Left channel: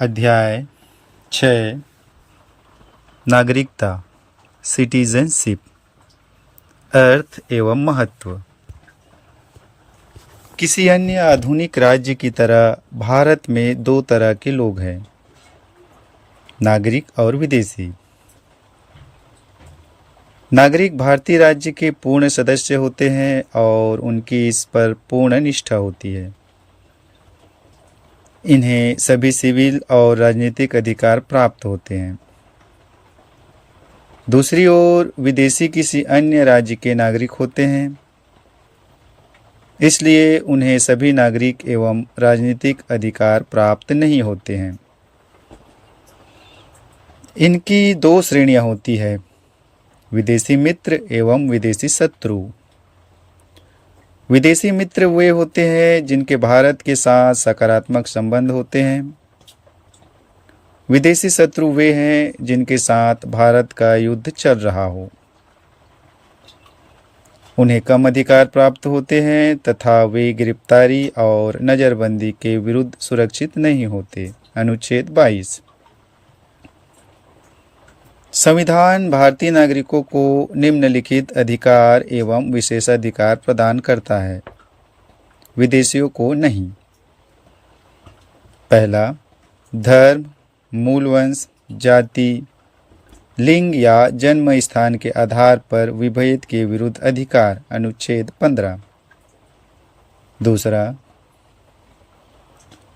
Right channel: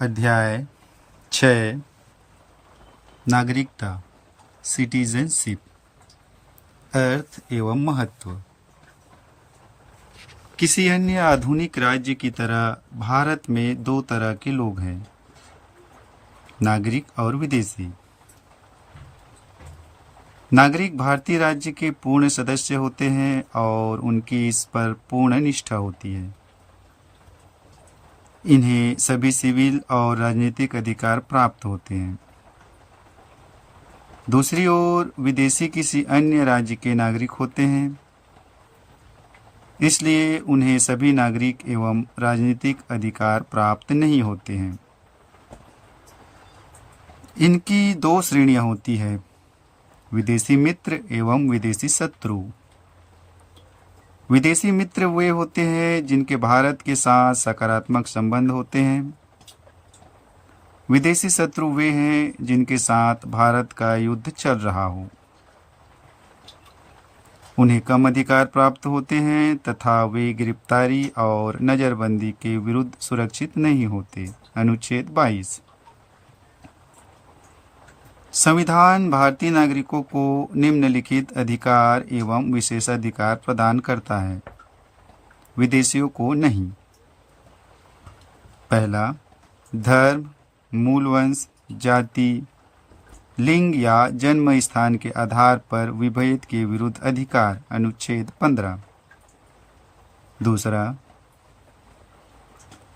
अध्याय 6 नागरिकता सिटीजनशिप अर्थ एवं महत्व। किसी अन्य आधुनिक राज्य की तरह भारत में दो तरह के लोग हैं, नागरिक और विदेशी। नागरिक भारतीय राज्य के पूर्ण सदस्य होते हैं और उनकी इस पर पूर्ण निष्ठा होती है। इन्हें सभी सिविल और राजनीतिक अधिकार प्राप्त होते हैं। दूसरी ओर विदेशी किसी अन्य राज्य के नागरिक होते हैं, इसलिए उन्हें सभी नागरिक एवं राजनीतिक अधिकार प्राप्त नहीं होते हैं। इनकी दो श्रेणियां होती है, विदेशी मित्र एवं विदेशी शत्रु। विदेशी मित्र वे होते हैं जिनके भारत के साथ सकारात्मक संबंध होते हैं। विदेशी शत्रु वे हैं जिनके साथ भारत का युद्ध चल रहा हो। उन्हें कम अधिकार प्राप्त होते हैं तथा वे गिरफ्तारी और नजरबंदी के विरुद्ध सुरक्षित नहीं होते। अनुच्छेद 22। संविधान भारतीय नागरिकों को निम्नलिखित अधिकार एवं विशेषाधिकार प्रदान करता है, विदेशियों को नहीं। पहला, धर्म, मूल वंश, जाति, लिंग या जन्म स्थान के आधार पर विभेद के विरुद्ध अधिकार। अनुच्छेद 15। दूसरा,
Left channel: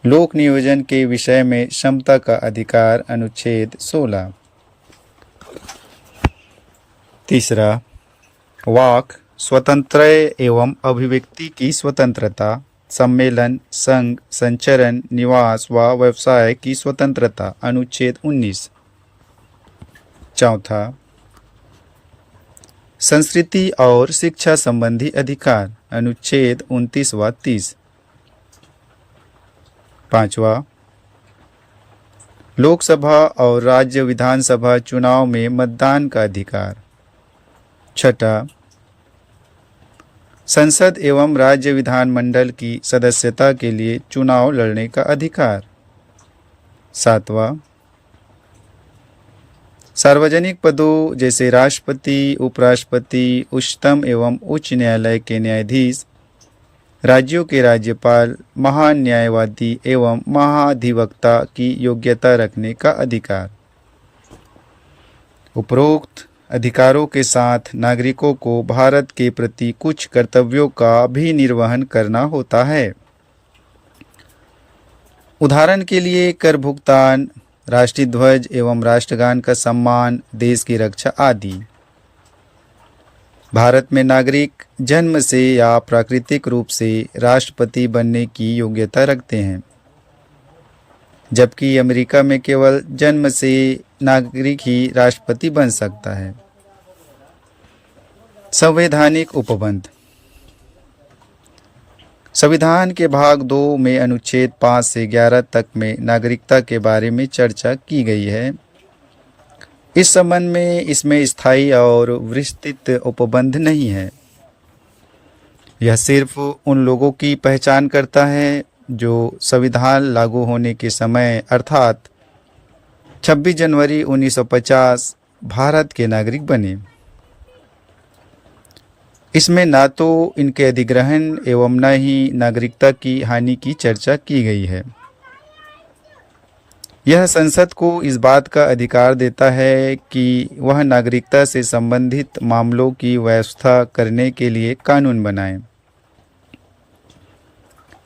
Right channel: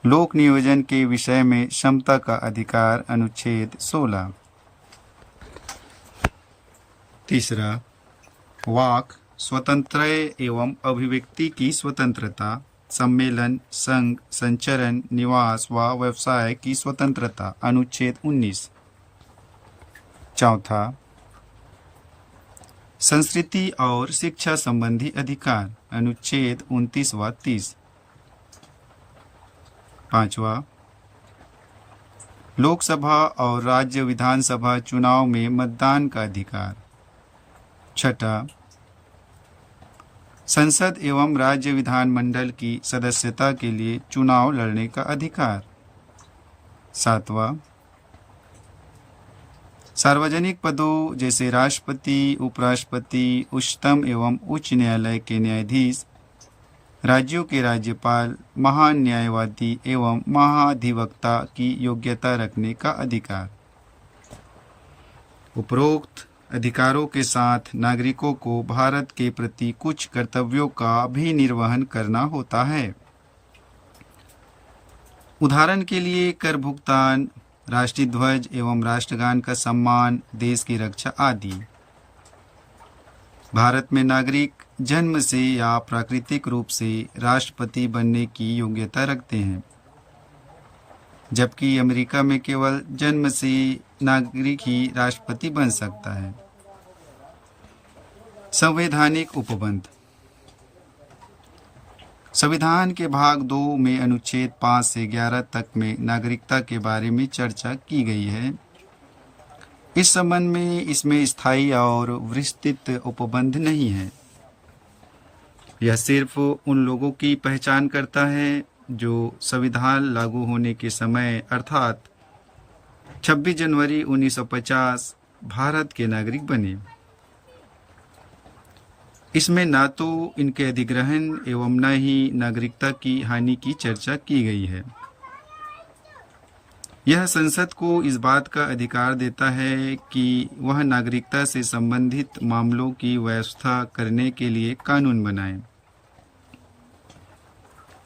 लोक नियोजन के विषय में क्षमता का अधिकार। अनुच्छेद 16। तीसरा, वाक स्वतंत्र एवं अभिव्यक्ति की स्वतंत्रता, सम्मेलन, संघ, संचरण, निवास व व्यवसाय की स्वतंत्रता। अनुच्छेद 19। चौथा, संस्कृति और शिक्षा संबंधी अधिकार। अनुच्छेद 29 व 30। पांचवा, लोकसभा और राज्य विधानसभा चुनाव में मतदान का अधिकार। छठा, संसद एवं राज्य विधानमंडल की सदस्यता के लिए चुनाव लड़ने का अधिकार। सातवां, सार्वजनिक पदों जैसे राष्ट्रपति, उपराष्ट्रपति, उच्चतम एवं उच्च न्यायालय के न्यायाधीश, राज्यों के राज्यपाल, महान न्यायवादी एवं महाधिवक्ता की योग्यता रखने का अधिकार। उपरोक्त अधिकारों के साथ नागरिकों को भारत के प्रति कुछ कर्तव्यों का भी निर्वहन करना होता है। उदाहरण के लिए कर भुगतान, राष्ट्रीय ध्वज एवं राष्ट्रगान का सम्मान, देश की रक्षा आदि। भारत में नागरिक जन्म से या प्राकृतिक रूप से राष्ट्रपति बनने की योग्यता रखते हैं, जबकि अमेरिका में केवल जन्म से नागरिक ही राष्ट्रपति बन सकता है। संवैधानिक उपबंध। संविधान के भाग 2 में अनुच्छेद 5 से 11 तक में नागरिकता के बारे में चर्चा की गई है। इस संबंध में इसमें स्थायी और विस्तृत उपबंध नहीं है। यह सिर्फ उन लोगों की पहचान करता है जो संविधान लागू होने के समय अर्थात 26 जनवरी 1950 भारत के नागरिक बने। इसमें ना तो इनके अधिग्रहण एवं न ही नागरिकता की हानि की चर्चा की गई है। यह संसद को इस बात का अधिकार देता है कि वह नागरिकता से संबंधित मामलों की व्यवस्था करने के लिए कानून बनाए।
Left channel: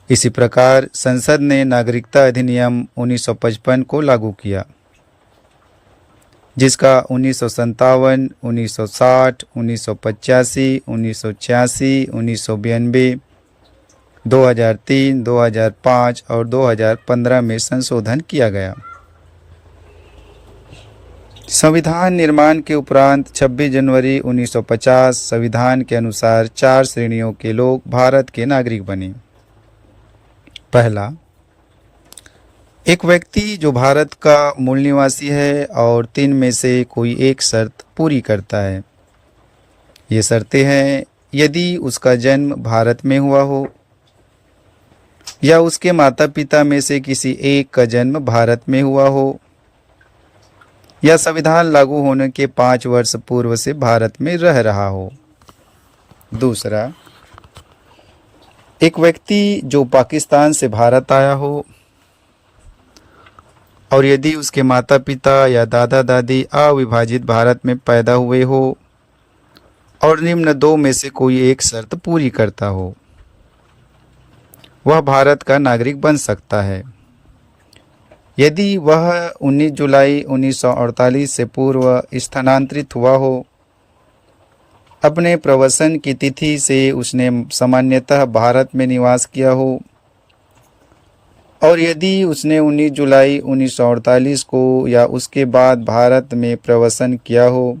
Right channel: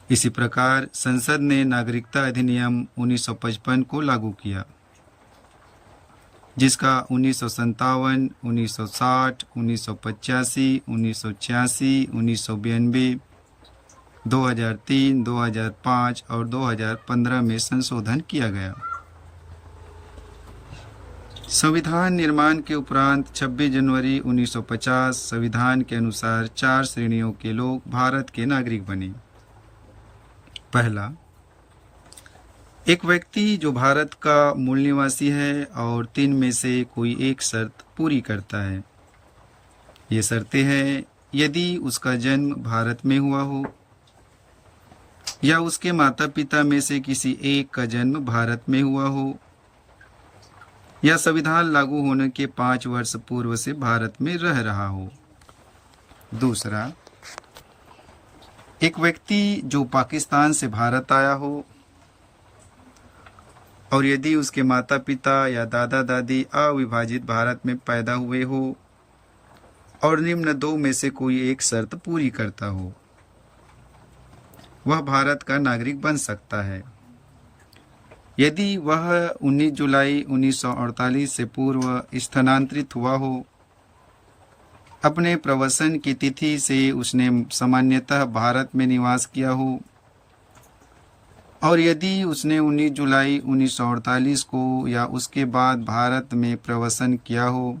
इसी प्रकार संसद ने नागरिकता अधिनियम 1955 को लागू किया, जिसका 1957, 1960, 1985, 1986, 1992, 2003, 2005 और 2015 में संशोधन किया गया। संविधान निर्माण के उपरांत 26 जनवरी 1950 संविधान के अनुसार 4 श्रेणियों के लोग भारत के नागरिक बने। पहला, एक व्यक्ति जो भारत का मूल निवासी है और 3 में से कोई एक शर्त पूरी करता है। ये शर्तें हैं: यदि उसका जन्म भारत में हुआ हो, या उसके माता पिता में से किसी एक का जन्म भारत में हुआ हो, या संविधान लागू होने के 5 वर्ष पूर्व से भारत में रह रहा हो। दूसरा, एक व्यक्ति जो पाकिस्तान से भारत आया हो और यदि उसके माता पिता या दादा दादी अविभाजित भारत में पैदा हुए हो और निम्न दो में से कोई एक शर्त पूरी करता हो, वह भारत का नागरिक बन सकता है। यदि वह 19 जुलाई 1948 से पूर्व स्थानांतरित हुआ हो, अपने प्रवसन की तिथि से उसने सामान्यतः भारत में निवास किया हो, और यदि उसने 19 जुलाई 1948 को या उसके बाद भारत में प्रवसन किया हो,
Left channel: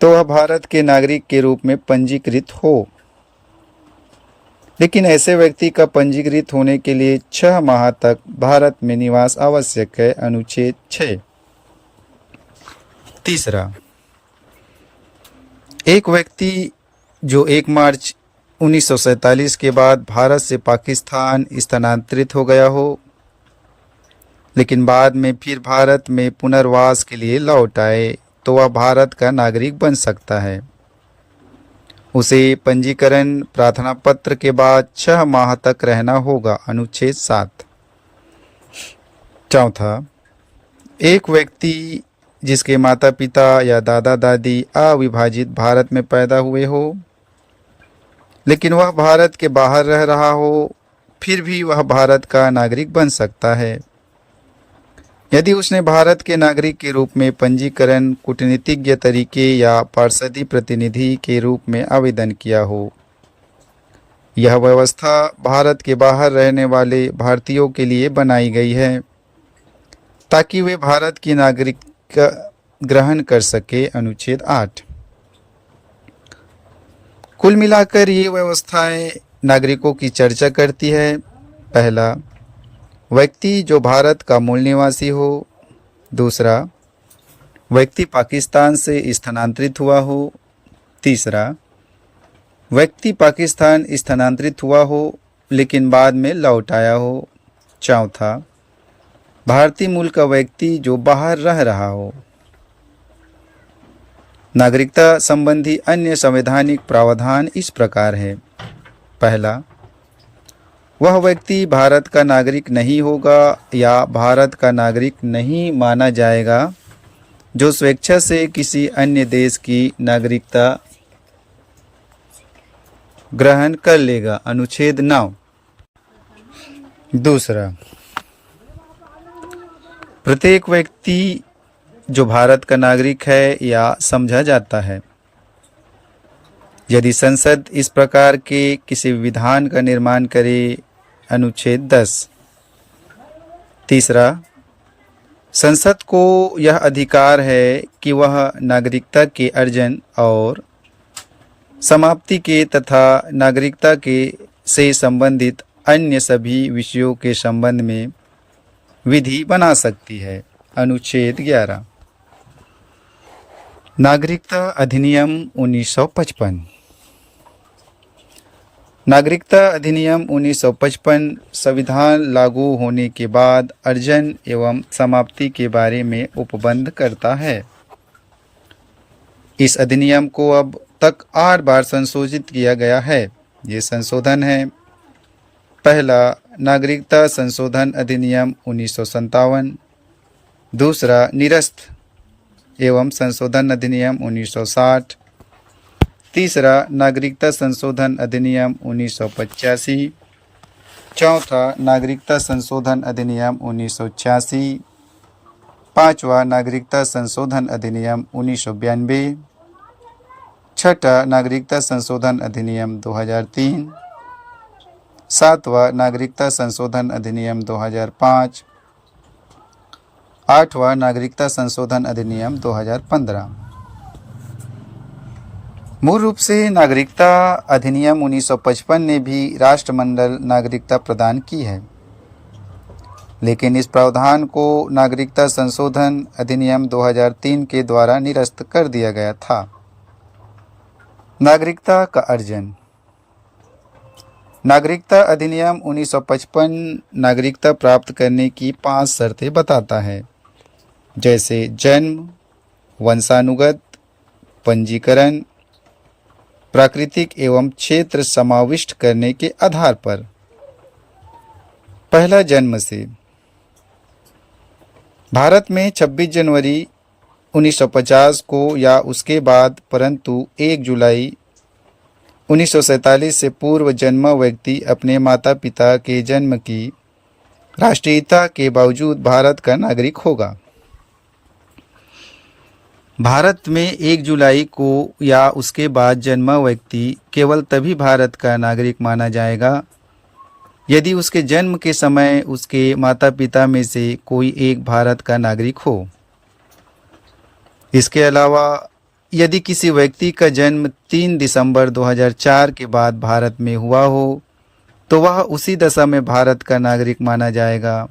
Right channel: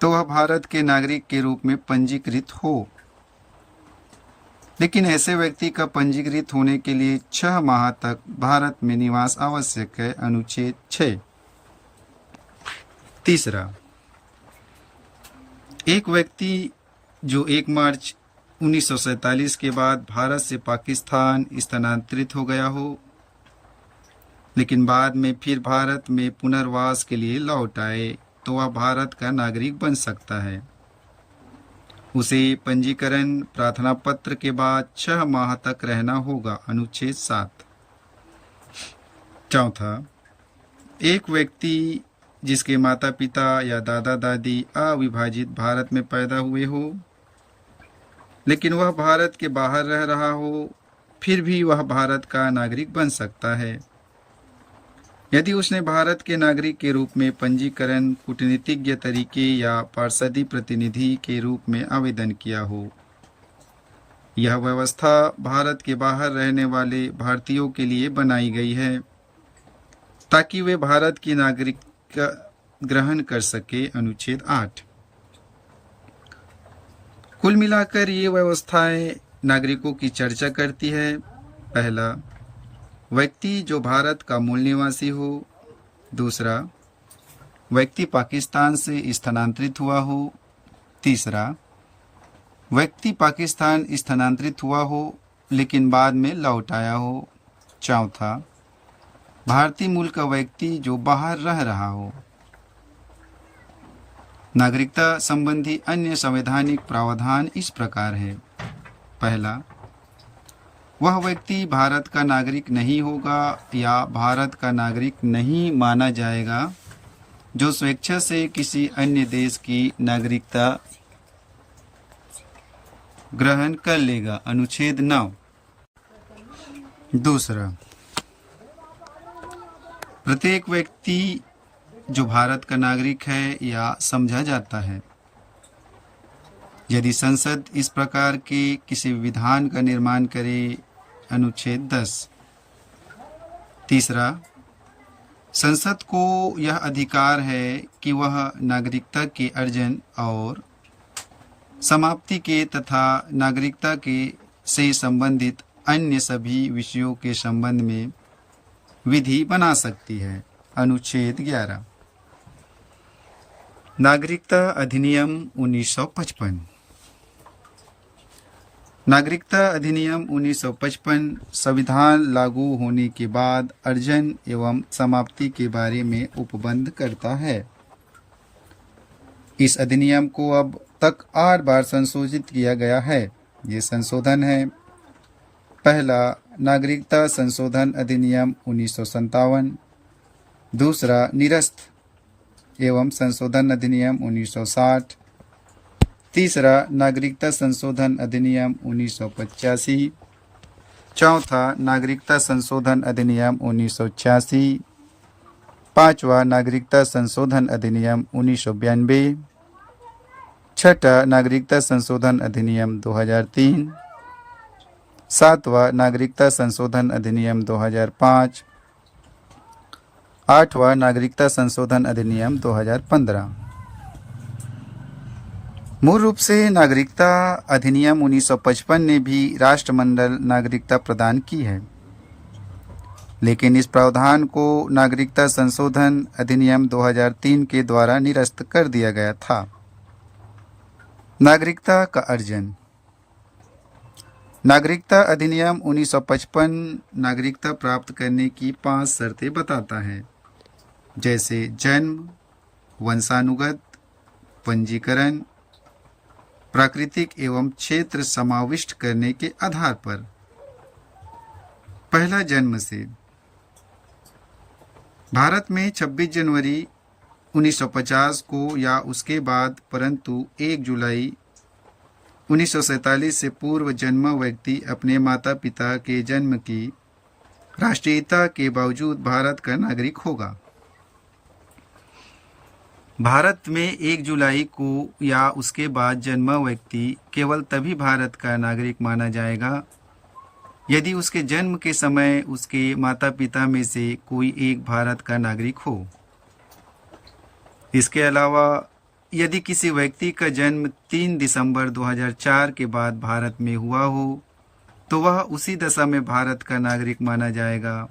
तो वह भारत के नागरिक के रूप में पंजीकृत हो। लेकिन ऐसे व्यक्ति का पंजीकृत होने के लिए 6 माह तक भारत में निवास आवश्यक है। अनुच्छेद 6। तीसरा, एक व्यक्ति जो 1 मार्च 1947 के बाद भारत से पाकिस्तान स्थानांतरित हो गया हो, लेकिन बाद में फिर भारत में पुनर्वास के लिए लौट आए, तो वह भारत का नागरिक बन सकता है। उसे पंजीकरण प्रार्थना पत्र के बाद 6 माह तक रहना होगा। अनुच्छेद 7। चौथा, एक व्यक्ति जिसके माता पिता या दादा दादी अविभाजित भारत में पैदा हुए हो, लेकिन वह भारत के बाहर रह रहा हो, फिर भी वह भारत का नागरिक बन सकता है यदि उसने भारत के नागरिक के रूप में पंजीकरण कूटनीतिज्ञ तरीके या पार्षदी प्रतिनिधि के रूप में आवेदन किया हो। यह व्यवस्था भारत के बाहर रहने वाले भारतीयों के लिए बनाई गई है ताकि वे भारत की नागरिकता ग्रहण कर सके। अनुच्छेद 8। कुल मिलाकर ये व्यवस्थाएं नागरिकों की चर्चा करती है। पहला, व्यक्ति जो भारत का मूल निवासी हो। दूसरा, व्यक्ति पाकिस्तान से स्थानांतरित हुआ हो। तीसरा, व्यक्ति पाकिस्तान स्थानांतरित हुआ हो लेकिन बाद में लौट आया हो। चौथा, भारतीय मूल का व्यक्ति जो बाहर रह रहा हो। नागरिकता संबंधी अन्य संवैधानिक प्रावधान इस प्रकार है। पहला, वह व्यक्ति भारत का नागरिक नहीं होगा या भारत का नागरिक नहीं माना जाएगा जो स्वेच्छा से किसी अन्य देश की नागरिकता ग्रहण कर लेगा। अनुच्छेद 9। दूसरा, प्रत्येक व्यक्ति जो भारत का नागरिक है या समझा जाता है यदि संसद इस प्रकार के किसी विधान का निर्माण करे। अनुच्छेद 10। तीसरा, संसद को यह अधिकार है कि वह नागरिकता के अर्जन और समाप्ति के तथा नागरिकता के से संबंधित अन्य सभी विषयों के संबंध में विधि बना सकती है। अनुच्छेद 11। नागरिकता अधिनियम 1955। नागरिकता अधिनियम 1955 संविधान लागू होने के बाद अर्जन एवं समाप्ति के बारे में उपबंध करता है। इस अधिनियम को अब तक 8 बार संशोधित किया गया है। ये संशोधन है: पहला, नागरिकता संशोधन अधिनियम 1957। दूसरा, निरस्त एवं संशोधन अधिनियम 1960। तीसरा, नागरिकता संशोधन अधिनियम 1985। चौथा, नागरिकता संशोधन अधिनियम 1986। पांचवा, नागरिकता संशोधन अधिनियम 1992। छठा, नागरिकता संशोधन अधिनियम 2003। सातवां, नागरिकता संशोधन अधिनियम 2005। आठवां, नागरिकता संशोधन अधिनियम 2015। मूल रूप से नागरिकता अधिनियम 1955 ने भी राष्ट्रमंडल नागरिकता प्रदान की है, लेकिन इस प्रावधान को नागरिकता संशोधन अधिनियम 2003 के द्वारा निरस्त कर दिया गया था। नागरिकता का अर्जन। नागरिकता अधिनियम 1955 नागरिकता प्राप्त करने की 5 शर्तें बताता है, जैसे जन्म, वंशानुगत, पंजीकरण, प्राकृतिक एवं क्षेत्र समाविष्ट करने के आधार पर। पहला, जन्म से। भारत में 26 जनवरी 1950 को या उसके बाद, परंतु 1 जुलाई 1947 से पूर्व जन्मा व्यक्ति अपने माता पिता के जन्म की राष्ट्रीयता के बावजूद भारत का नागरिक होगा। भारत में 1 जुलाई को या उसके बाद जन्मा व्यक्ति केवल तभी भारत का नागरिक माना जाएगा यदि उसके जन्म के समय उसके माता पिता में से कोई एक भारत का नागरिक हो। इसके अलावा यदि किसी व्यक्ति का जन्म 3 दिसंबर 2004 के बाद भारत में हुआ हो तो वह उसी दशा में भारत का नागरिक माना जाएगा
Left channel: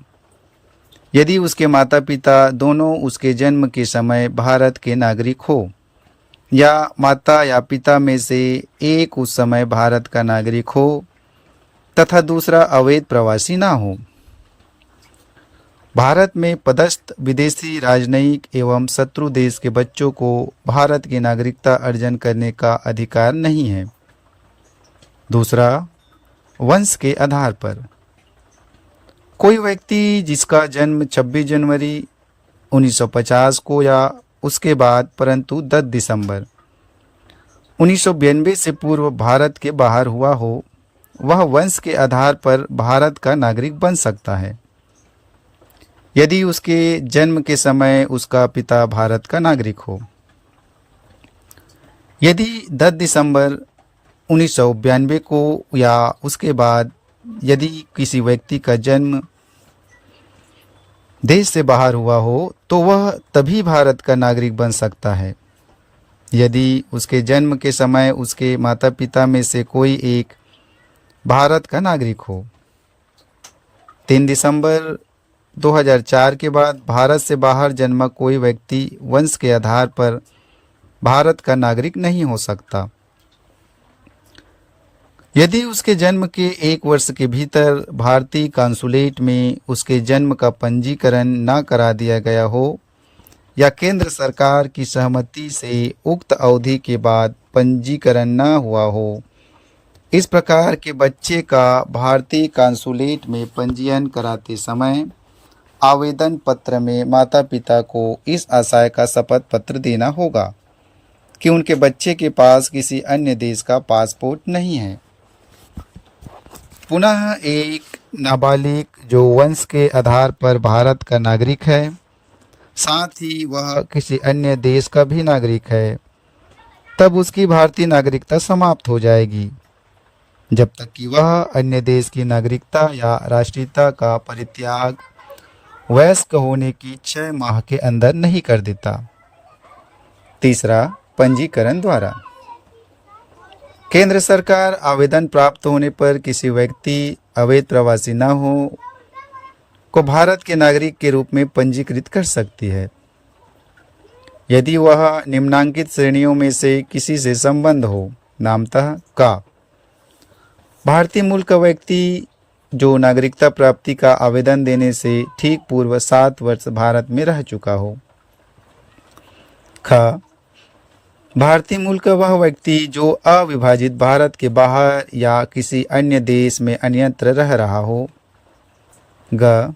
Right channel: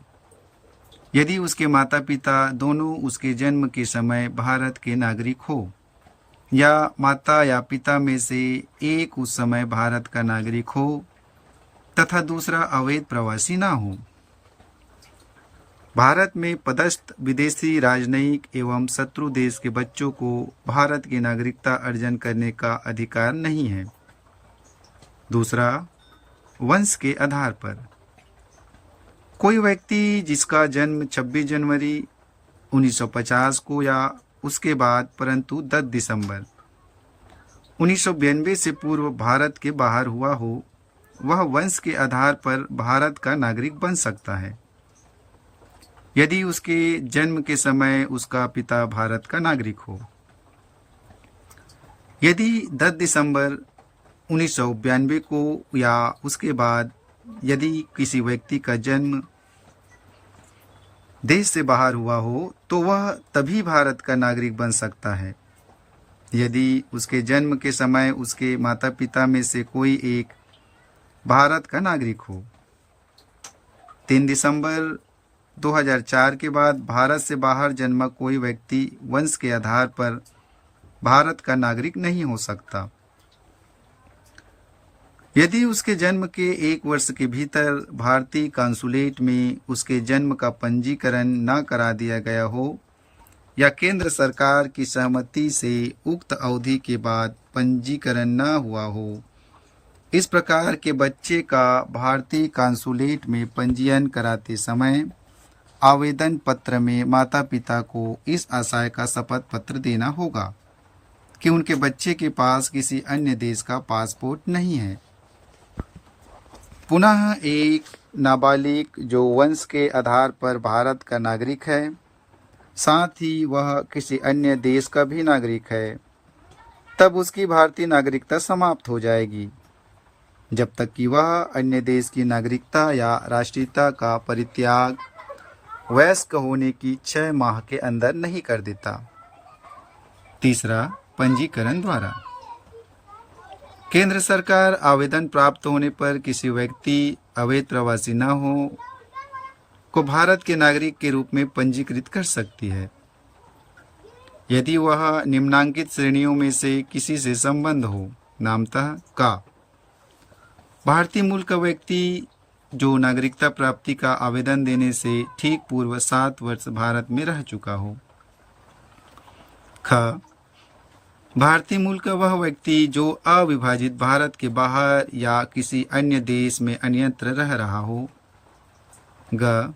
यदि उसके माता पिता दोनों उसके जन्म के समय भारत के नागरिक हो या माता या पिता में से एक उस समय भारत का नागरिक हो तथा दूसरा अवैध प्रवासी ना हो। भारत में पदस्थ विदेशी राजनयिक एवं शत्रु देश के बच्चों को भारत की नागरिकता अर्जन करने का अधिकार नहीं है। दूसरा, वंश के आधार पर। कोई व्यक्ति जिसका जन्म 26 जनवरी 1950 को या उसके बाद परंतु 10 दिसंबर 1992 से पूर्व भारत के बाहर हुआ हो, वह वंश के आधार पर भारत का नागरिक बन सकता है यदि उसके जन्म के समय उसका पिता भारत का नागरिक हो। यदि 10 दिसंबर 1992 को या उसके बाद यदि किसी व्यक्ति का जन्म देश से बाहर हुआ हो तो वह तभी भारत का नागरिक बन सकता है यदि उसके जन्म के समय उसके माता पिता में से कोई एक भारत का नागरिक हो। 3 दिसंबर 2004 के बाद भारत से बाहर जन्मा कोई व्यक्ति वंश के आधार पर भारत का नागरिक नहीं हो सकता यदि उसके जन्म के 1 वर्ष के भीतर भारतीय कांसुलेट में उसके जन्म का पंजीकरण न करा दिया गया हो या केंद्र सरकार की सहमति से उक्त अवधि के बाद पंजीकरण न हुआ हो। इस प्रकार के बच्चे का भारतीय कांसुलेट में पंजीयन कराते समय आवेदन पत्र में माता पिता को इस आशय का शपथ पत्र देना होगा कि उनके बच्चे के पास किसी अन्य देश का पासपोर्ट नहीं है। पुनः एक नाबालिग जो वंश के आधार पर भारत का नागरिक है, साथ ही वह किसी अन्य देश का भी नागरिक है, तब उसकी भारतीय नागरिकता समाप्त हो जाएगी जब तक कि वह अन्य देश की नागरिकता या राष्ट्रीयता का परित्याग वयस्क होने की 6 माह के अंदर नहीं कर देता। तीसरा, पंजीकरण द्वारा। केंद्र सरकार आवेदन प्राप्त होने पर किसी व्यक्ति अवैध प्रवासी न हो को भारत के नागरिक के रूप में पंजीकृत कर सकती है यदि वह निम्नांकित श्रेणियों में से किसी से संबंध हो। नामतः का भारतीय मूल का व्यक्ति जो नागरिकता प्राप्ति का आवेदन देने से ठीक पूर्व 7 वर्ष भारत में रह चुका हो। ख भारतीय मूल का वह व्यक्ति जो अविभाजित भारत के बाहर या किसी अन्य देश में अन्यत्र रह रहा हो। ग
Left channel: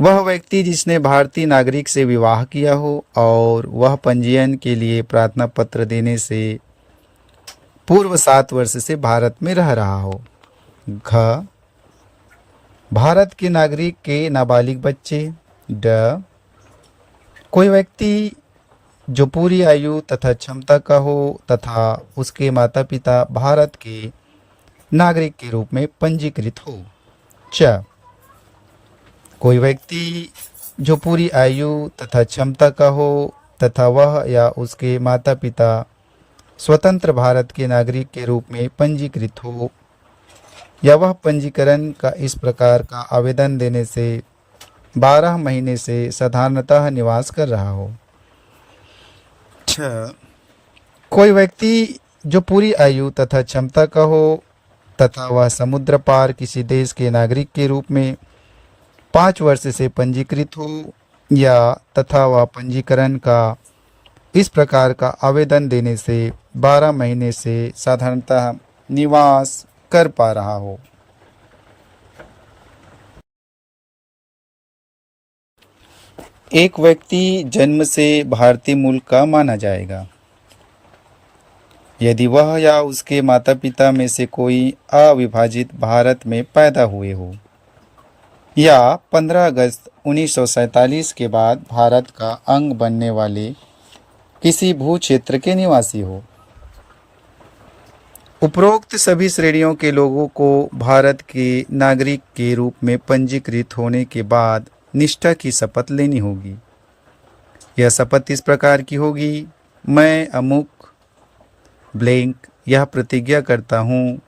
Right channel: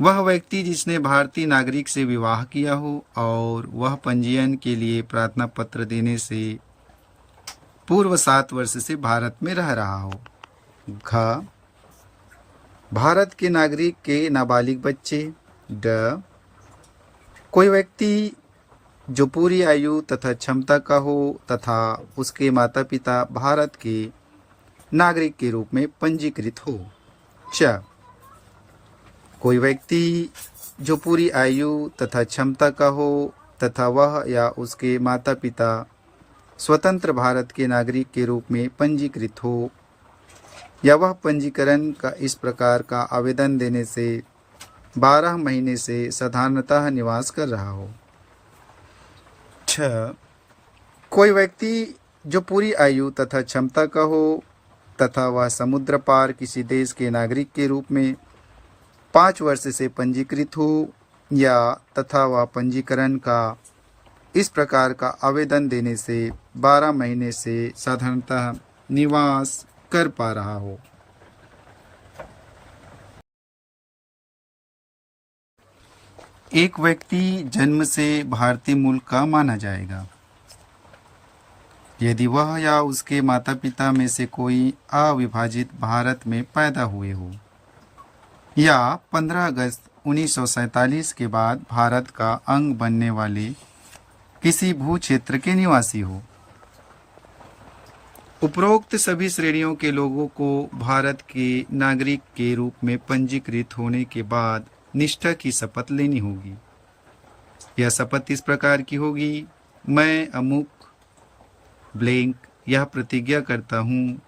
वह व्यक्ति जिसने भारतीय नागरिक से विवाह किया हो और वह पंजीयन के लिए प्रार्थना पत्र देने से पूर्व 7 वर्ष से भारत में रह रहा हो। घ भारत के नागरिक के नाबालिग बच्चे। ड कोई व्यक्ति जो पूरी आयु तथा क्षमता का हो तथा उसके माता पिता भारत के नागरिक के रूप में पंजीकृत हो। च कोई व्यक्ति जो पूरी आयु तथा क्षमता का हो तथा वह या उसके माता पिता स्वतंत्र भारत के नागरिक के रूप में पंजीकृत हो या वह पंजीकरण का इस प्रकार का आवेदन देने से 12 महीने से साधारणतः निवास कर रहा हो। 6 कोई व्यक्ति जो पूरी आयु तथा क्षमता का हो तथा वह समुद्र पार किसी देश के नागरिक के रूप में 5 वर्ष से पंजीकृत हो या तथा वह पंजीकरण का इस प्रकार का आवेदन देने से 12 महीने से साधारणतः निवास कर पा रहा हो। एक व्यक्ति जन्म से भारतीय मूल का माना जाएगा यदि वह या उसके माता पिता में से कोई अविभाजित भारत में पैदा हुए हो या 15 अगस्त 1947 के बाद भारत का अंग बनने वाले किसी भू क्षेत्र के निवासी हो। उपरोक्त सभी श्रेणियों के लोगों को भारत के नागरिक के रूप में पंजीकृत होने के बाद निष्ठा की शपथ लेनी होगी। यह शपथ इस प्रकार की होगी: मैं अमुक ब्लैंक यह प्रतिज्ञा करता हूँ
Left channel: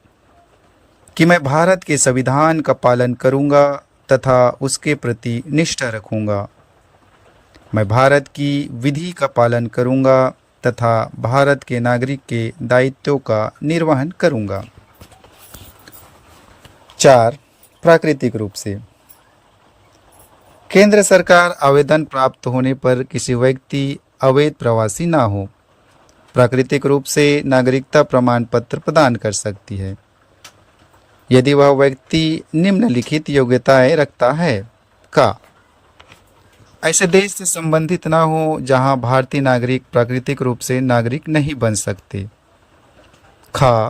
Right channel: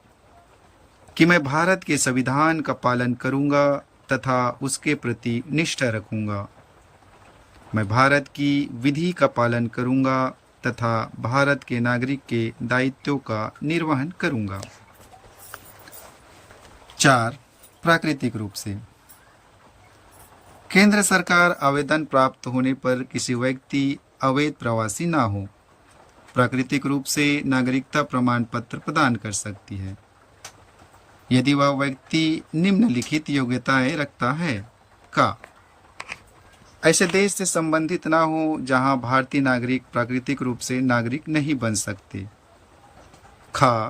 कि मैं भारत के संविधान का पालन करूँगा तथा उसके प्रति निष्ठा रखूँगा। मैं भारत की विधि का पालन करूँगा तथा भारत के नागरिक के दायित्वों का निर्वहन करूँगा। 4. प्राकृतिक रूप से केंद्र सरकार आवेदन प्राप्त होने पर किसी व्यक्ति अवैध प्रवासी ना हो प्राकृतिक रूप से नागरिकता प्रमाण पत्र प्रदान कर सकती है यदि वह व्यक्ति निम्नलिखित योग्यताएं रखता है। का ऐसे देश से संबंधित ना हो जहां भारतीय नागरिक प्राकृतिक रूप से नागरिक नहीं बन सकते। खा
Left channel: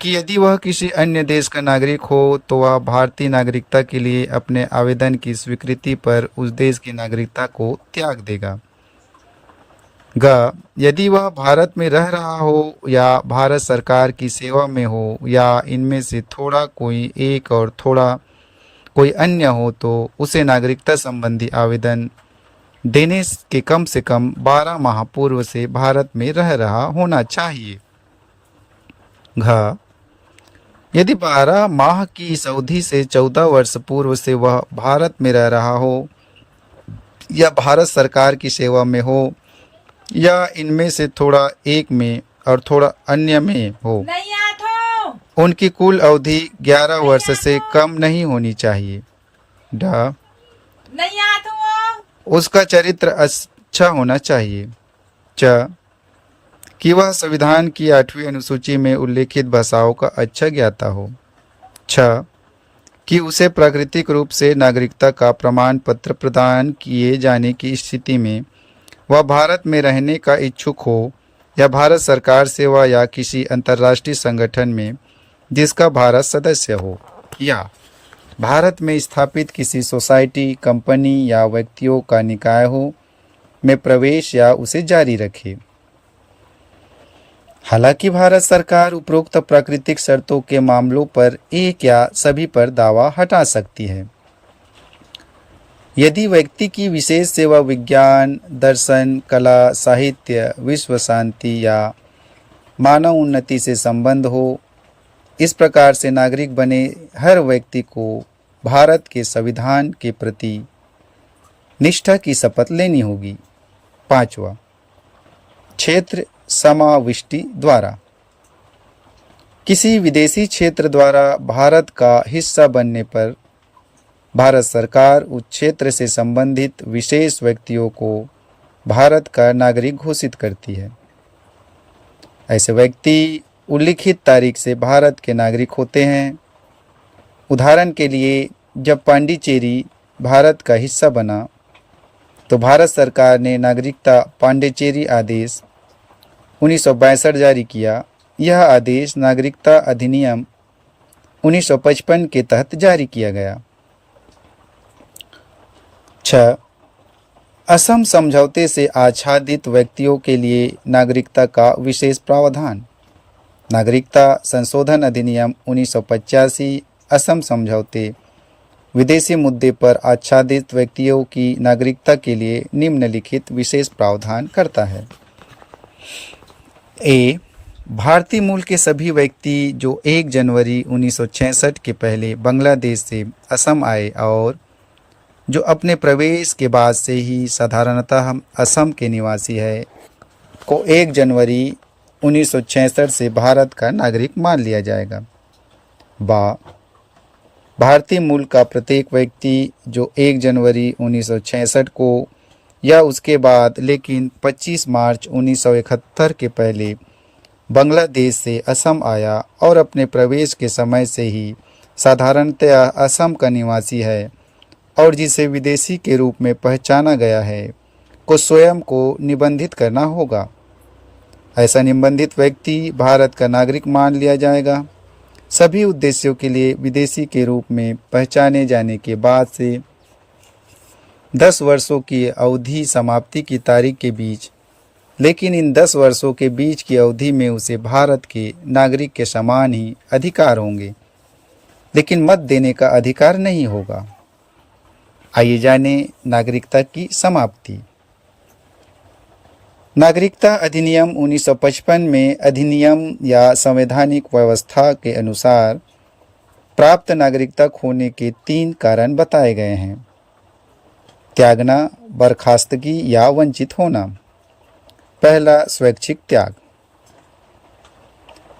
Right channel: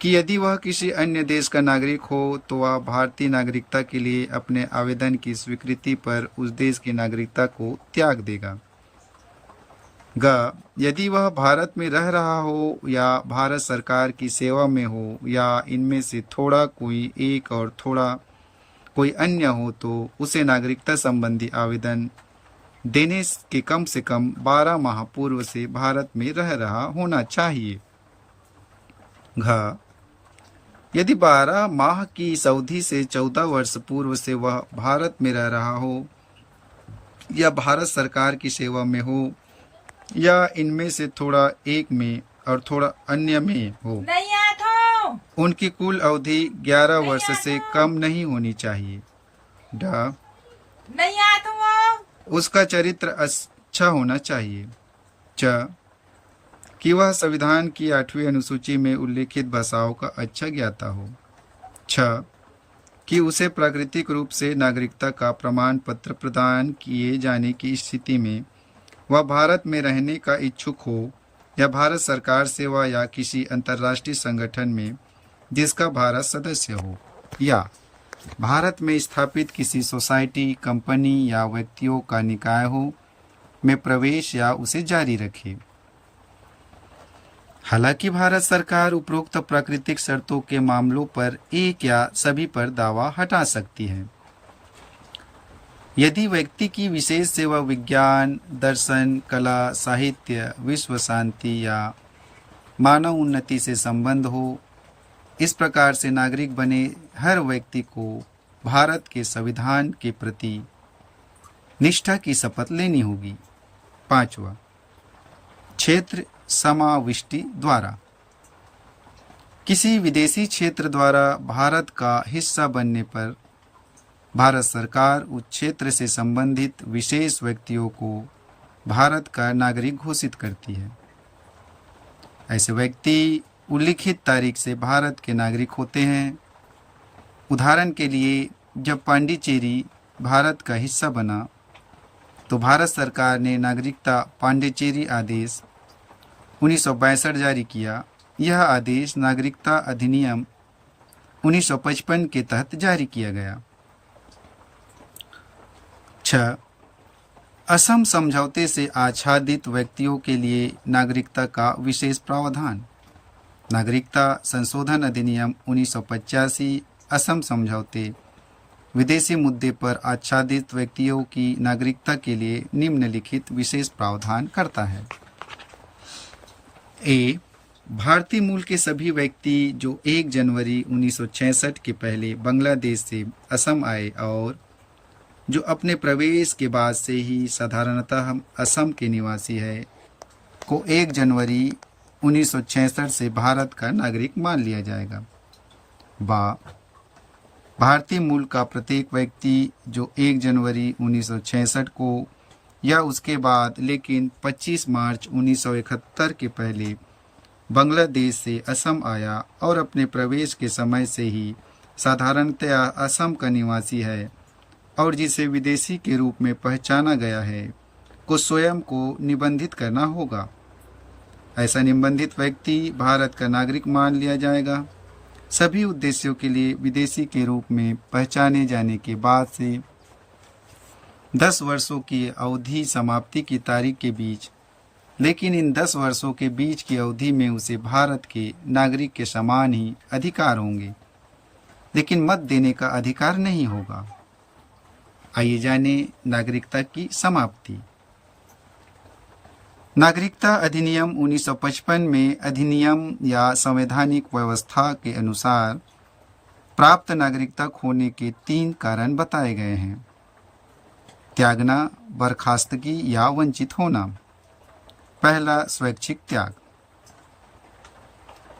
कि यदि वह किसी अन्य देश का नागरिक हो तो वह भारतीय नागरिकता के लिए अपने आवेदन की स्वीकृति पर उस देश की नागरिकता को त्याग देगा। ग यदि वह भारत में रह रहा हो या भारत सरकार की सेवा में हो या इनमें से थोड़ा कोई एक और थोड़ा कोई अन्य हो तो उसे नागरिकता संबंधी आवेदन देने के कम से कम 12 माह पूर्व से भारत में रह रहा होना चाहिए। घ यदि 12 माह की इस अवधि से 14 वर्ष पूर्व से वह भारत में रह रहा हो या भारत सरकार की सेवा में हो या इनमें से थोड़ा एक में और थोड़ा अन्य में हो, उनकी कुल अवधि 11 वर्ष से कम नहीं होनी चाहिए। ड उसका चरित्र अच्छा होना चाहिए। च कि वह संविधान की 8वीं अनुसूची में उल्लेखित भाषाओं का अच्छा ज्ञाता हो। छ कि उसे प्राकृतिक रूप से नागरिकता का प्रमाण पत्र प्रदान किए जाने की स्थिति में वह भारत में रहने का इच्छुक हो या भारत सरकार सेवा या किसी अंतर्राष्ट्रीय संगठन में जिसका भारत सदस्य हो या भारत में स्थापित किसी सोसाइटी, कंपनी या व्यक्तियों का निकाय हो में प्रवेश या उसे जारी रखे। हालांकि भारत सरकार उपरोक्त प्राकृतिक शर्तों के मामलों पर एक या सभी पर दावा हटा सकती है। यदि व्यक्ति की विशेष सेवा विज्ञान, दर्शन, कला, साहित्य, विश्व शांति या मानव उन्नति से संबंध हो, इस प्रकार से नागरिक बने हर व्यक्ति को भारत के संविधान के प्रति निष्ठा की शपथ लेनी होगी। 5वां क्षेत्र समाविष्टि द्वारा किसी विदेशी क्षेत्र द्वारा भारत का हिस्सा बनने पर भारत सरकार उस क्षेत्र से संबंधित विशेष व्यक्तियों को भारत का नागरिक घोषित करती है। ऐसे व्यक्ति उल्लिखित तारीख से भारत के नागरिक होते हैं। उदाहरण के लिए जब पांडिचेरी भारत का हिस्सा बना तो भारत सरकार ने नागरिकता पांडिचेरी आदेश 1962 जारी किया। यह आदेश नागरिकता अधिनियम 1955 के तहत जारी किया गया। 6 असम समझौते से आच्छादित व्यक्तियों के लिए नागरिकता का विशेष प्रावधान। नागरिकता संशोधन अधिनियम 1985 असम समझौते विदेशी मुद्दे पर आच्छादित व्यक्तियों की नागरिकता के लिए निम्नलिखित विशेष प्रावधान करता है। ए भारतीय मूल के सभी व्यक्ति जो 1 जनवरी 1966 के पहले बांग्लादेश से असम आए और जो अपने प्रवेश के बाद से ही साधारणतः असम के निवासी है को 1 जनवरी 1966 से भारत का नागरिक मान लिया जाएगा। बा भारतीय मूल का प्रत्येक व्यक्ति जो 1 जनवरी 1966 को या उसके बाद लेकिन 25 मार्च 1971 के पहले बांग्लादेश से असम आया और अपने प्रवेश के समय से ही साधारणतया असम का निवासी है और जिसे विदेशी के रूप में पहचाना गया है को स्वयं को निबंधित करना होगा। ऐसा निबंधित व्यक्ति भारत का नागरिक मान लिया जाएगा। सभी उद्देश्यों के लिए विदेशी के रूप में पहचाने जाने के बाद से 10 वर्षों की अवधि समाप्ति की तारीख के बीच, लेकिन इन 10 वर्षों के बीच की अवधि में उसे भारत के नागरिक के समान ही अधिकार होंगे, लेकिन मत देने का अधिकार नहीं होगा। आइए जाने नागरिकता की समाप्ति। नागरिकता अधिनियम 1955 में अधिनियम या संवैधानिक व्यवस्था के अनुसार प्राप्त नागरिकता खोने के 3 कारण बताए गए हैं। त्यागना, बर्खास्तगी या वंचित होना। पहला, स्वैच्छिक त्याग।